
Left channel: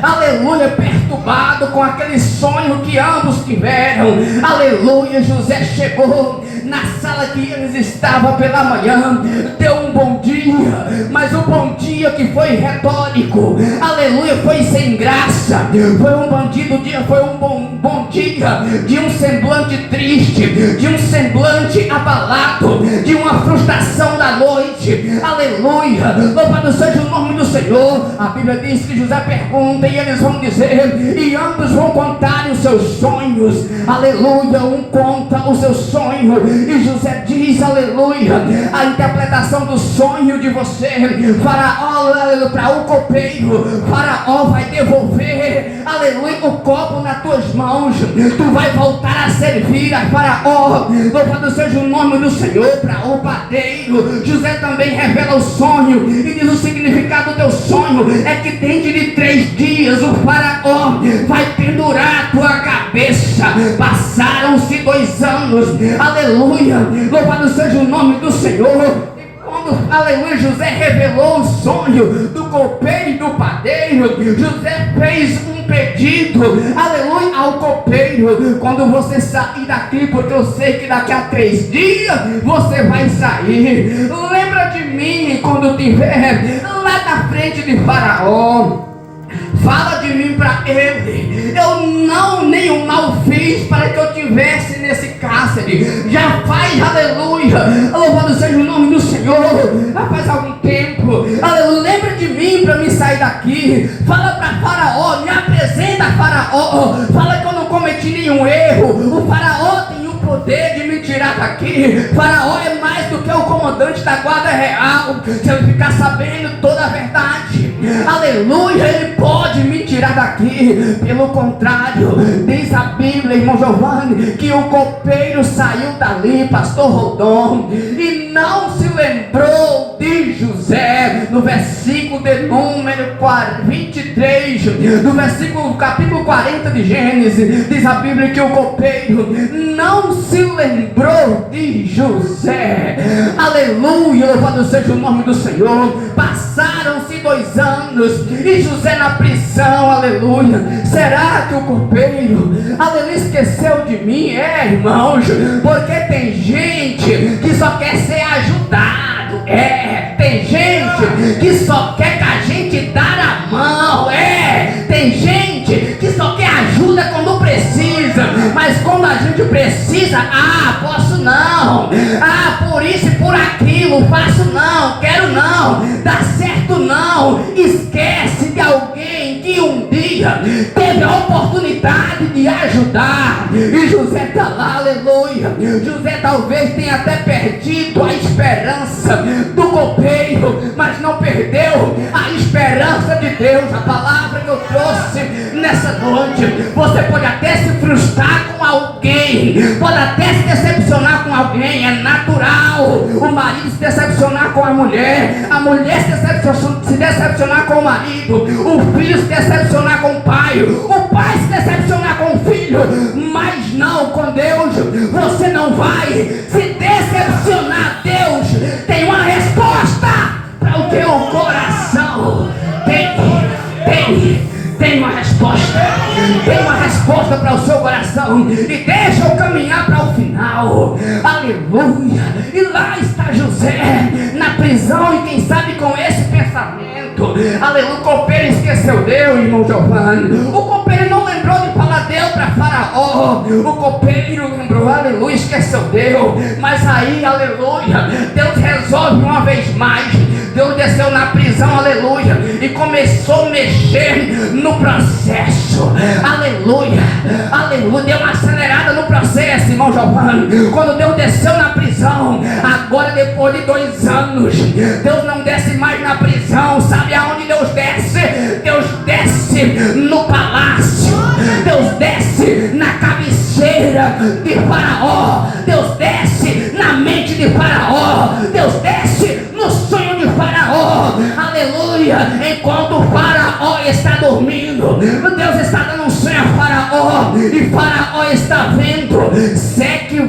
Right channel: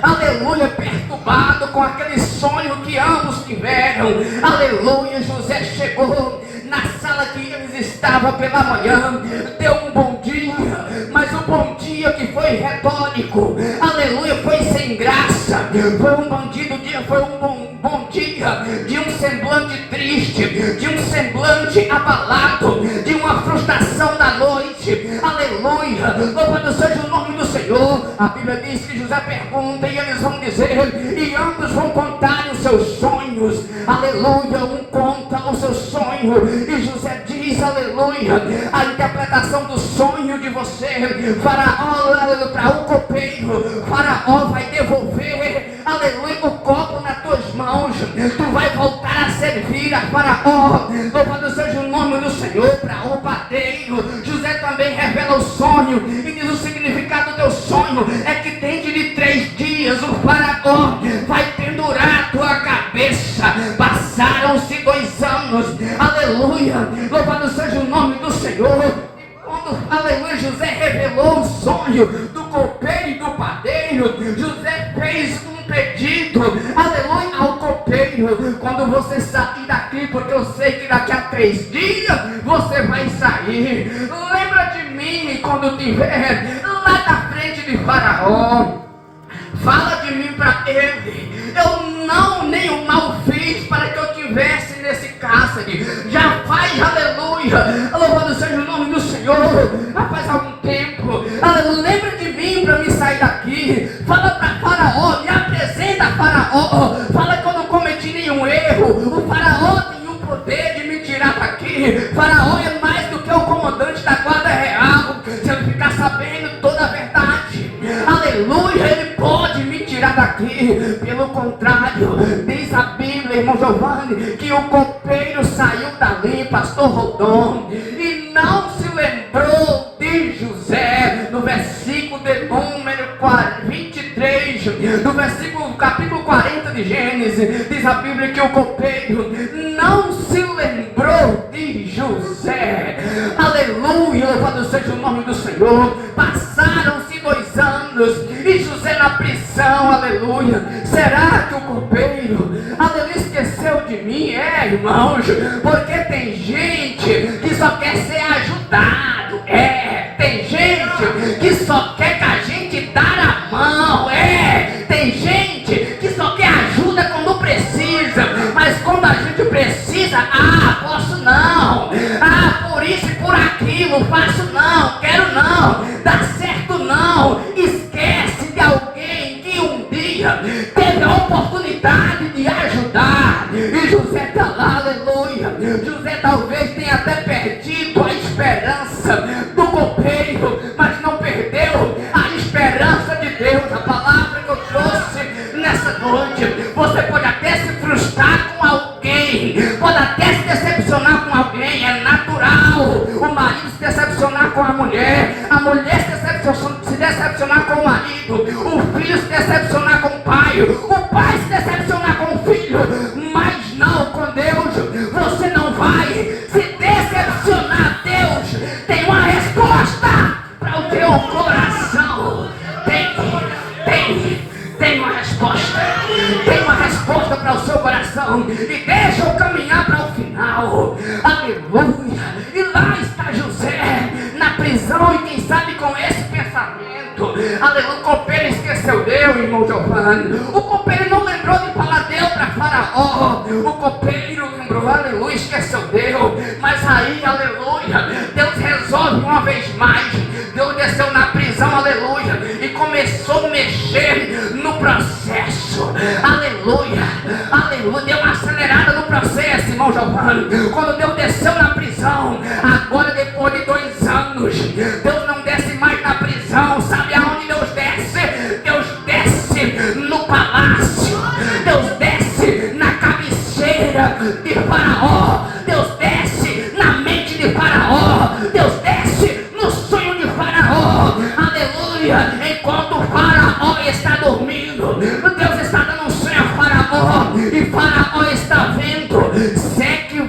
aleluia, perturbado com aquele sonho que ambos tiveram. Aleluia, José chegou na sala que eles estavam pela manhã, deu um bom dia, mas o bom dia que foi retórico, aleluia, foi sem graça. Foi um bom dia, foi um bom dia de um semblante triste, de um semblante abalado, de uma frustração da noite. Aleluia, louvado seja o nome do Senhor. A Bíblia diz que José pergunta e eles vão dizer, e ambos vão contar os seus sonhos. Aleluia, um conta o seu sonho e José diz, aleluia, a interpretação do sonho de você. Faraó, aleluia, para o copeiro, Faraó vai devolver, aleluia, o copo nas tuas mãos, tu vai voltar a servir a Faraó. Louvado seja o nome do Senhor. Para o padeiro, José também revela o sonho e diz: o significado do teu sonho é que dentro de 3 dias o Faraó vai pendurar a tua cabeça. Passaram-se 2 anos, aleluia, louvado seja o nome do Senhor. Quando, aleluia, José revelou o sonho do copeiro e do padeiro, José fez um pedido, aleluia, ao copeiro: quando você sair daqui, porque eu sei que daqui a 3 dias você vai sair, lembra de mim quando estiver lá na frente de Faraó. Fala de mim para ele. Eu nenhum mal fiz para que eu tivesse nesse cárcere. Já faz, aleluia, louvado seja o nome do Senhor, já faz algum tempo, aleluia. Lembra de mim para me sair daqui. Fala para Faraó, me apresenta a Faraó. Fala que eu não cometi nenhum erro. O Faraó tem o poder de me tirar daqui. Faraó é mais do que o comandante da guarda real. Se ele ficar sabendo toda a verdade, aleluia, ele pode me tirar daqui. Pelo contrário, diz a Bíblia, irmão Giovanni, que o copeiro saiu dali, pastor Rodon, e não se lembrou de José. No versículo de número 23, no versículo capítulo 40 de Gênesis, diz a Bíblia que o copeiro não se lembrou de José. Aleluia, louvado seja o nome do Senhor. Passaram-se 2 anos, e José na prisão, aleluia. Será que o copeiro, aleluia, esqueceu de mim? Irmãos, porque tem gente que só quer ser ajudado, tem gente que só quer que a gente dá a mão, tem gente que só quer ajuda quando precisa, mas quando a gente precisa, posso não, por isso e por aquilo, faço não, quero não, dá certo não. Esquece de alguém que um dia teve a oportunidade de ajudar, e José está lá, aleluia. José talvez tenha até perdido a esperança do copeiro, mas não perdeu a esperança de Deus. A palavra que eu trouxe nessa noite, você pode até se frustrar com alguém, pode até se decepcionar com alguém, é natural o marido se decepcionar com a mulher se decepcionar com o marido, o filho se decepcionar com o pai se decepcionar com o filho, mas não com Deus. Você não vai se decepcionar. Deus tem uma resposta para o teu coração. Tem uma resposta. Tem uma resposta para o seu coração. E deixa eu caminhar para o final. Aleluia. E lá está José na prisão, e quem sabe com esse pensamento, aleluia, o copeiro esqueceu Deus, irmão Giovanni. O copeiro não lembrou de falar Deus para Faraó. O copeiro lembrou, aleluia, esqueceu Deus. Mas aí, aleluia, Deus resolve uma vez mais. Deus desceu na prisão, aleluia, e começou a mexer no processo, aleluia, aleluia. Deu uma acelerada no processo, irmão Giovanni. Quando Deus desceu na prisão, agora depois de 2 anos, Deus não desce mais na prisão. Sabe aonde Deus desce? Deus desce no palácio, Deus desce na cabeceira de Faraó, Deus desce na mente de Faraó, Deus desce no sonho de Faraó, aleluia. Enquanto Faraó está dormindo, Deus está dando um sonho a Faraó, e Faraó está vendo sete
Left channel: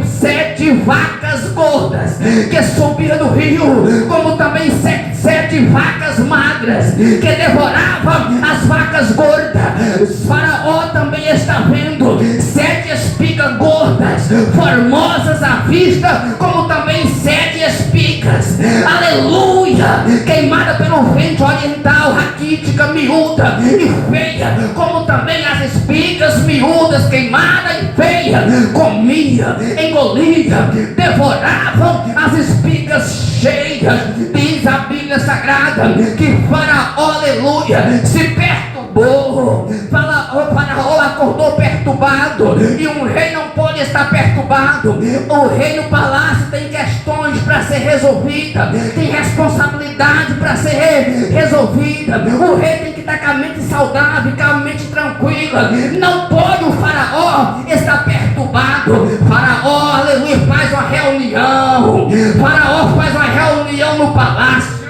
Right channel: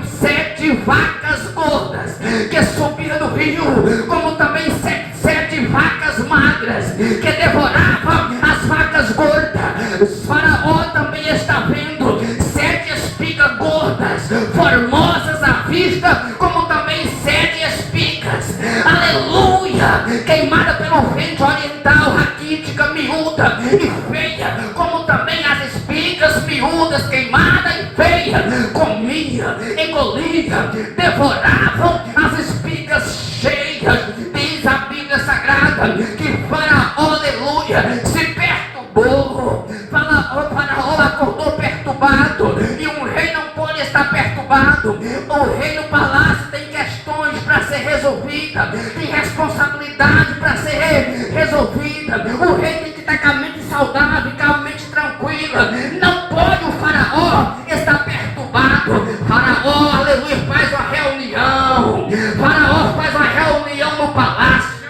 vacas gordas que subiam do rio, como também sete vacas magras que devoravam as vacas gordas. Faraó também está vendo 7 espigas gordas, formosas à vista, como também 7 espigas, aleluia, queimada pelo vento oriental, raquítica, miúda e feia, como também as espigas miúdas, queimada e feia, comia, engolia, devoravam as espigas cheias. Diz a Bíblia Sagrada que Faraó, aleluia, se perturbou. Faraó acordou perturbado, e um rei não pode estar perturbado. O rei no palácio tem questões para ser resolvida, tem responsabilidade para ser resolvida. O rei tem que estar com a mente saudável, com a mente tranquila. Não pode o Faraó estar perturbado. Faraó, aleluia, faz uma reunião. Faraó faz uma reunião no palácio,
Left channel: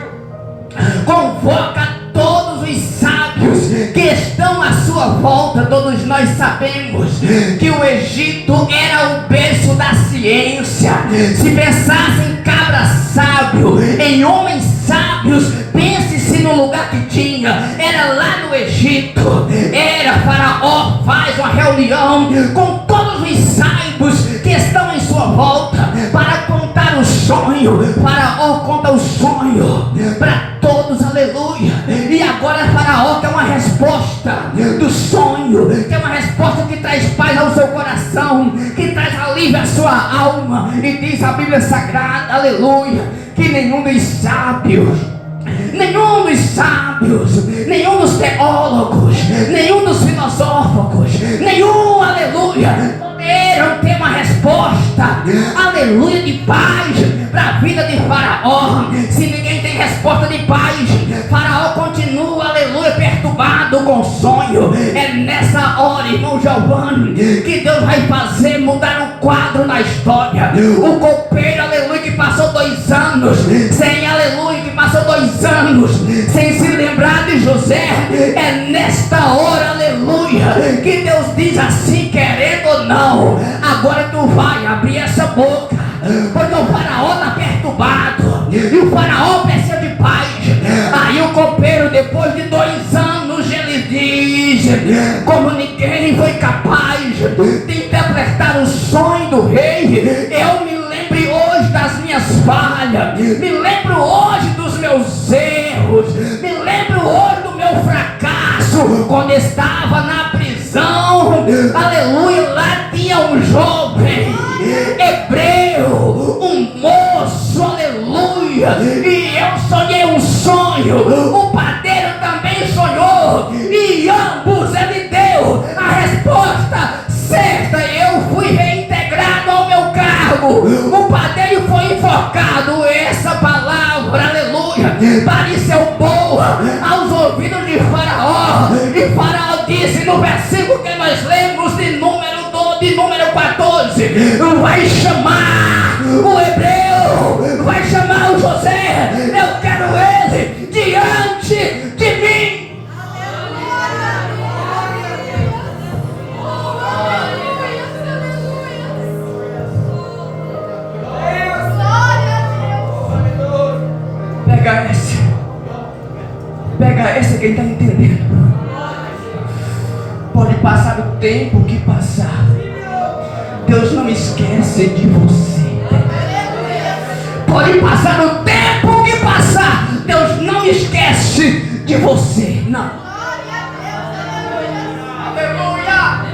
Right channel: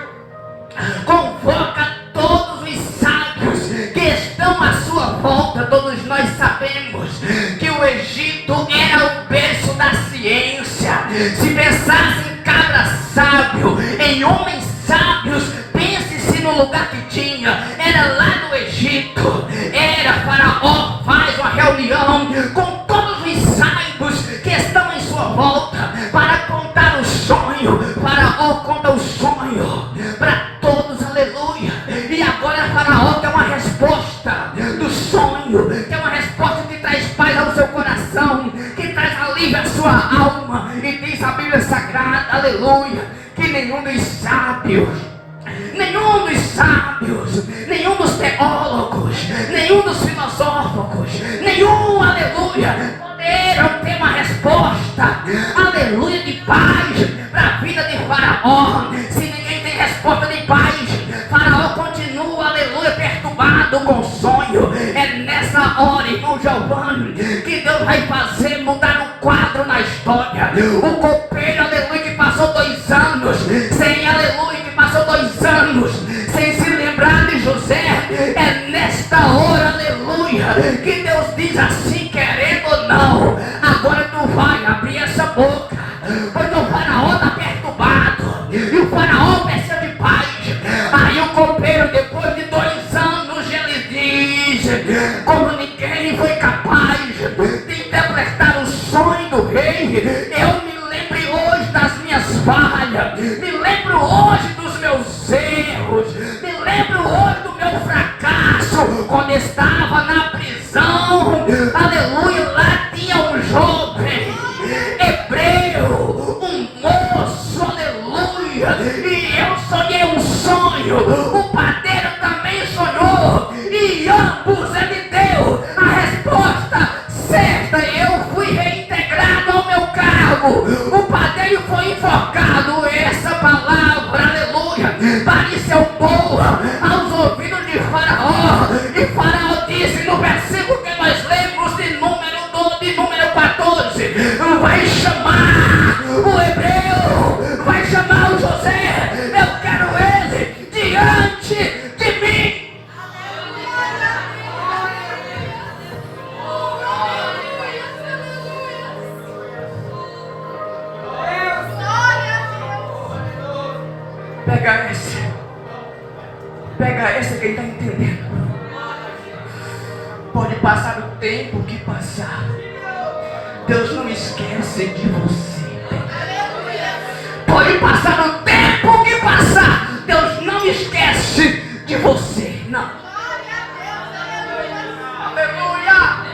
convoca todos os sábios que estão à sua volta. Todos nós sabemos que o Egito era o berço da ciência. Se pensasse em cabra sábio, em homens sábios, pense-se no lugar que tinha, era lá no Egito. Faraó faz uma reunião com todos os sábios que estão em sua volta para contar o sonho. Faraó conta o sonho para todos, aleluia. E agora Faraó quer uma resposta do sonho, quer uma resposta que traz paz ao seu coração, que traz alívio à sua alma. E diz a Bíblia Sagrada, aleluia, que nenhum dos sábios, nenhum dos teólogos, nenhum dos filosóficos, nenhum, aleluia, poderam ter uma resposta, aleluia, de paz para a vida de Faraó. Se ninguém tem resposta de paz, Faraó continua, aleluia, perturbado com o sonho. É nessa hora, irmão Giovanni, que Deus vai fazer mudar um quadro na história. O copeiro, aleluia, que passou 2 anos sem, aleluia, que passou 2 anos sem se lembrar de José. É nesta hora, aleluia, que Deus diz assim, querendo ou não, agora tu vai abrir essa boca, porque o Faraó está perturbado e o Faraó precisa de paz. Aí o copeiro, depois de interpretar o sonho do rei. Eu me lembro hoje das minhas falhas, me lembro hoje dos meus erros, me lembro hoje do meu fracasso, quando estava na prisão. Aleluia, lá tinha um jovem hebreu, um moço, aleluia, e eu sonhei um sonho, o padeiro também sonhou, e ambos ele deu a resposta certa. Eu fui reintegrado ao meu cargo, o padeiro foi invocado. Essa palavra, aleluia, pareceu boa aos ouvidos de Faraó, e Faraó disse no versículo que nós lemos de número 14, vai chamar o hebreu, vai chamar o José, eu quero ele diante de mim. Pega essa quem está entendendo. Pode passar o tempo que passar, Deus não esquece de você. Pode passar o tempo que passar, Deus não esquece de você. Não. Aleluia.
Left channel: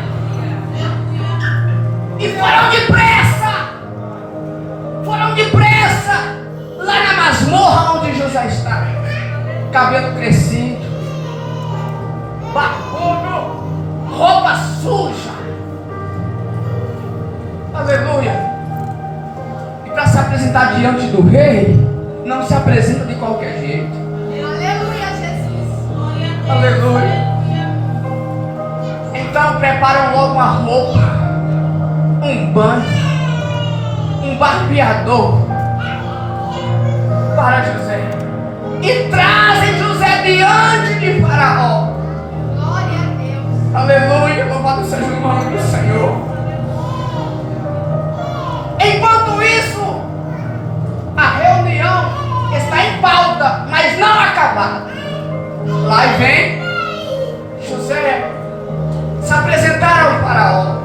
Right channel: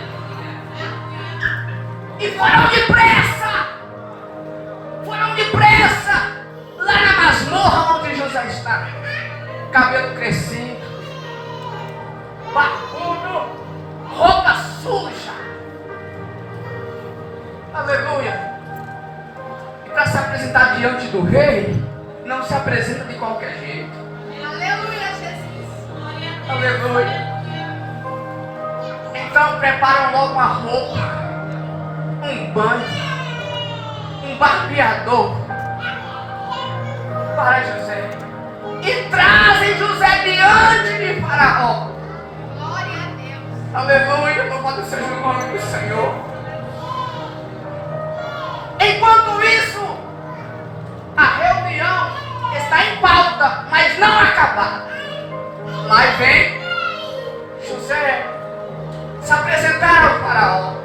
E foram depressa lá na masmorra onde José estava. Cabelo crescido, barbudo, roupa suja. Aleluia. E para se apresentar diante do rei, não se apresenta de qualquer jeito. Aleluia, Jesus. Aleluia. Então preparam logo uma roupa, um banho, um barbeador para José, e trazem José diante de Faraó. Glória a Deus. Aleluia, louvado seja o nome do Senhor. Enquanto isso, a reunião está em pauta, mas não acabada. Lá vem José se apresentar ao Faraó.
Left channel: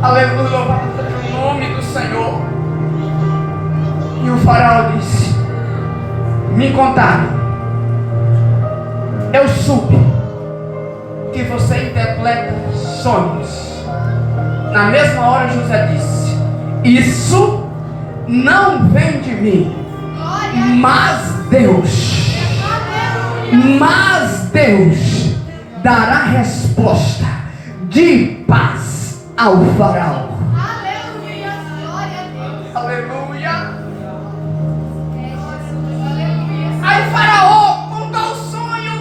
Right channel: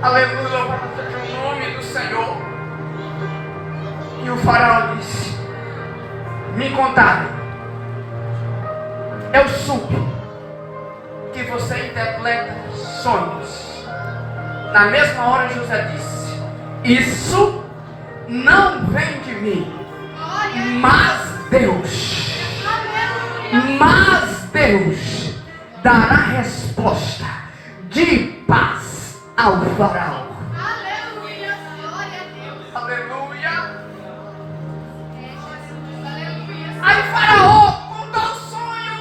Aleluia, louvado seja o nome do Senhor. E o Faraó disse: me contaram, eu soube que você interpreta sonhos. Na mesma hora José disse: isso não vem de mim, mas Deus dará resposta de paz ao Faraó. Aleluia, glória a Deus. Aleluia. Aleluia. Aí Faraó contou o sonho,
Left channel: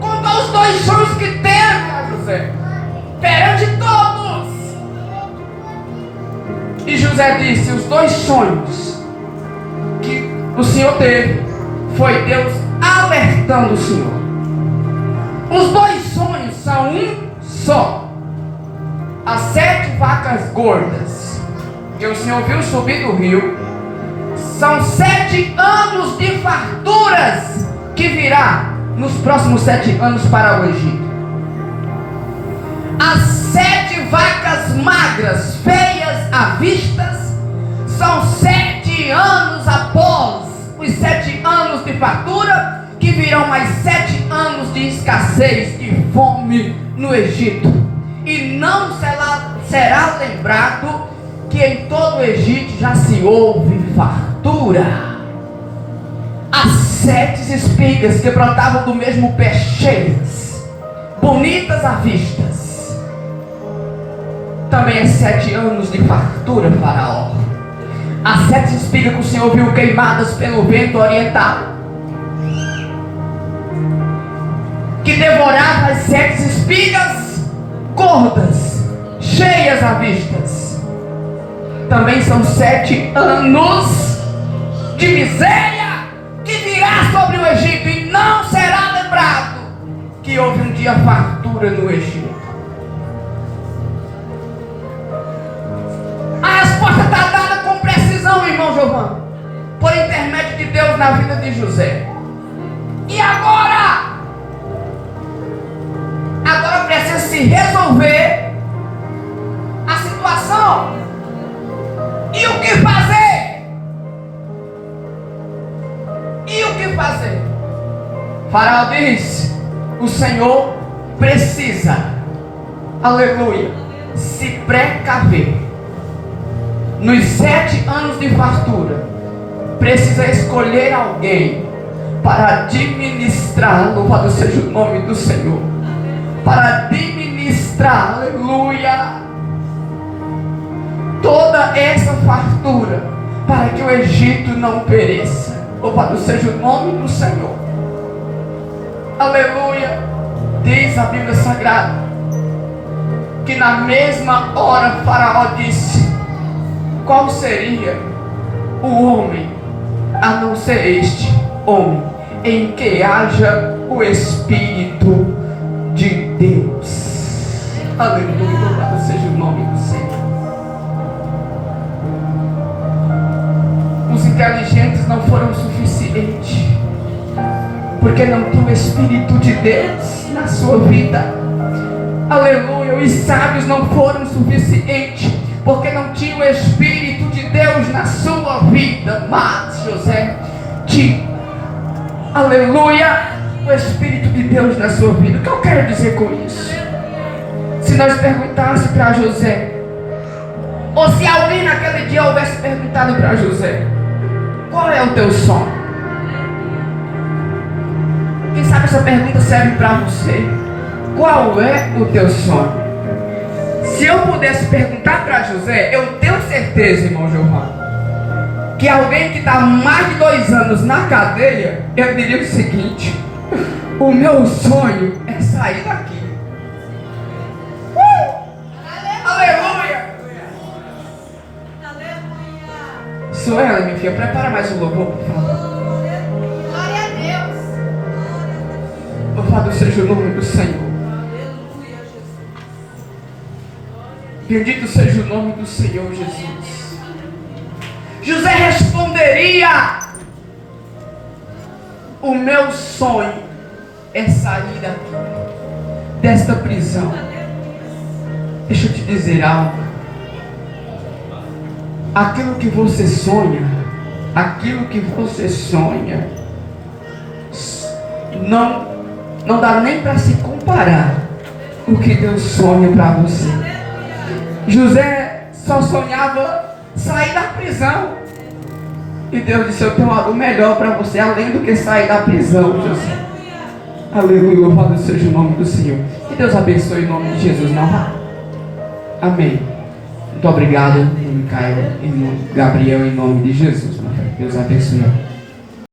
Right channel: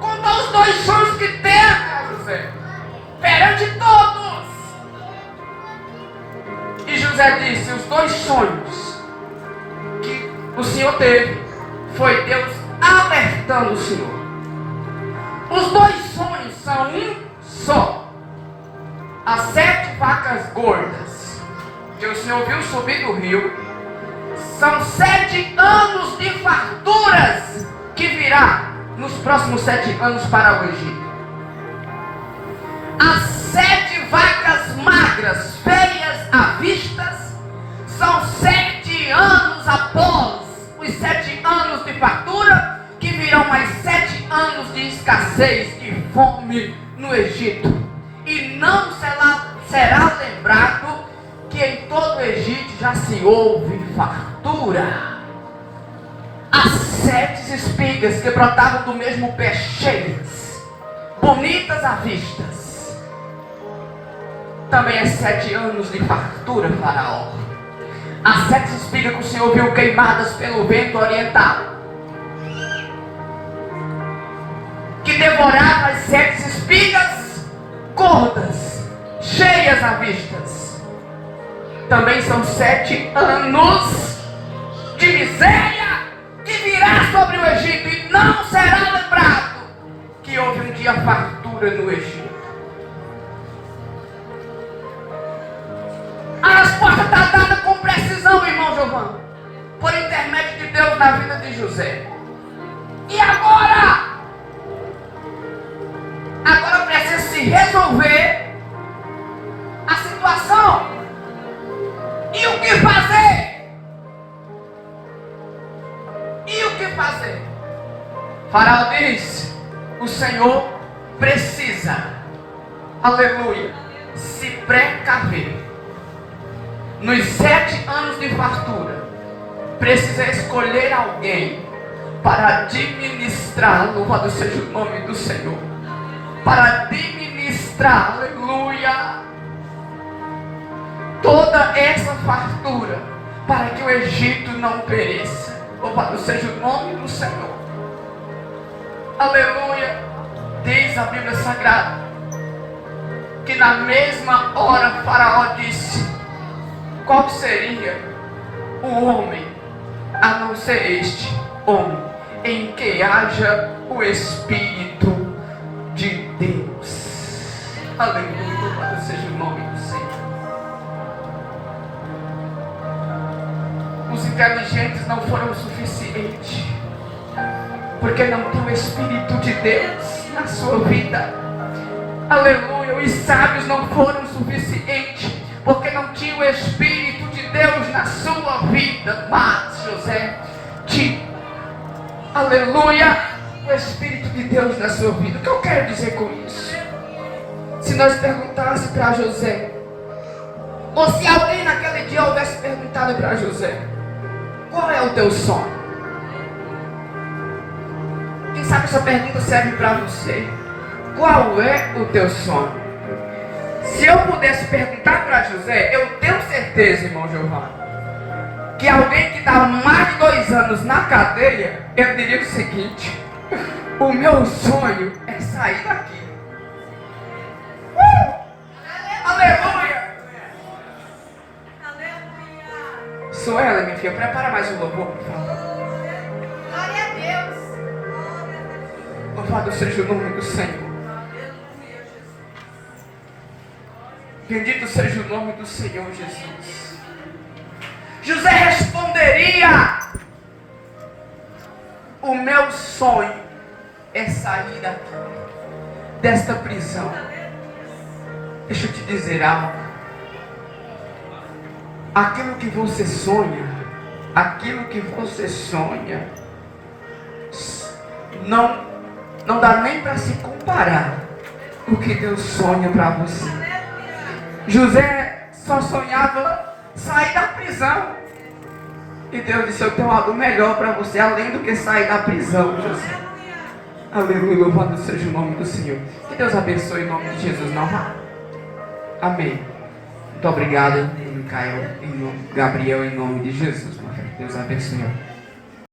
contou os 2 sonhos que teve a José perante todos. E José disse: os 2 sonhos que o Senhor teve foi Deus alertando o Senhor. Os 2 sonhos são um só. As 7 vacas gordas que o Senhor viu subir do rio são 7 anos de farturas que virá nos próximos 7 anos para o Egito. As 7 vacas magras, feias à vista, são 7 anos após os 7 anos de fartura, que virão mais 7 anos de escassez, de fome no Egito. E não será lembrado que em todo o Egito já se houve fartura. As 7 espigas que brotavam do mesmo pé, cheias, bonitas à vista, também é 7 anos de fartura, Faraó. As 7 espigas que o Senhor viu queimadas pelo vento oriental, que devorava as 7 espigas gordas, cheias à vista, também são 7 anos de miséria que virá sobre o Egito, e não será lembrado que houve um dia fartura no Egito. A resposta está dada com precisão, irmão Giovanni, por intermédio de Deus na vida de José. E agora precisa se resolver resolver a situação. E o que fazer? E o que fazer? Faraó diz: o Senhor precisa, aleluia, se precaver. Nos 7 anos de fartura, precisa escolher alguém para administrar, louvado seja o nome do Senhor, para administrar, aleluia, toda essa fartura, para que o Egito não pereça. Louvado seja o nome do Senhor, aleluia. Diz a Bíblia Sagrada que na mesma hora Faraó disse: qual seria o homem a não ser este homem em que haja o Espírito de Deus? Aleluia, louvado seja o nome do Senhor. Os inteligentes não foram suficientes, porque não tem o Espírito de Deus na sua vida. Aleluia. Os sábios não foram suficientes, porque não tinha o Espírito de Deus na sua vida. Mas José tinha, aleluia, o Espírito de Deus na sua vida. O que eu quero dizer com isso? Se nós perguntássemos para José, ou se alguém naquele dia houvesse perguntado para José: qual é o teu sonho? Quem sabe essa pergunta serve para você. Qual é o teu sonho? Se eu pudesse perguntar para José, eu tenho certeza, irmão Giovanni, que alguém que está mais de 2 anos na cadeia, eu diria o seguinte: o meu sonho é sair daqui. Aleluia! Sou ela, minha filha. Prepara mais um louvor, por favor. Glória a Deus. Louvado seja o nome do Senhor. Bendito seja o nome do Senhor Jesus. José responderia: o meu sonho é sair daqui, desta prisão. Deixa eu te dizer algo. Aquilo que você sonha, não dá nem para se comparar o que Deus sonha para você. José só sonhava sair da prisão, e Deus disse: eu tenho algo melhor para você, além do que sair da prisão, José. Aleluia, louvado seja o nome do Senhor. Que Deus abençoe em nome de Jesus. Não vá. Amém. Muito obrigado, Micael, Gabriel, em nome de Jesus. Deus abençoe.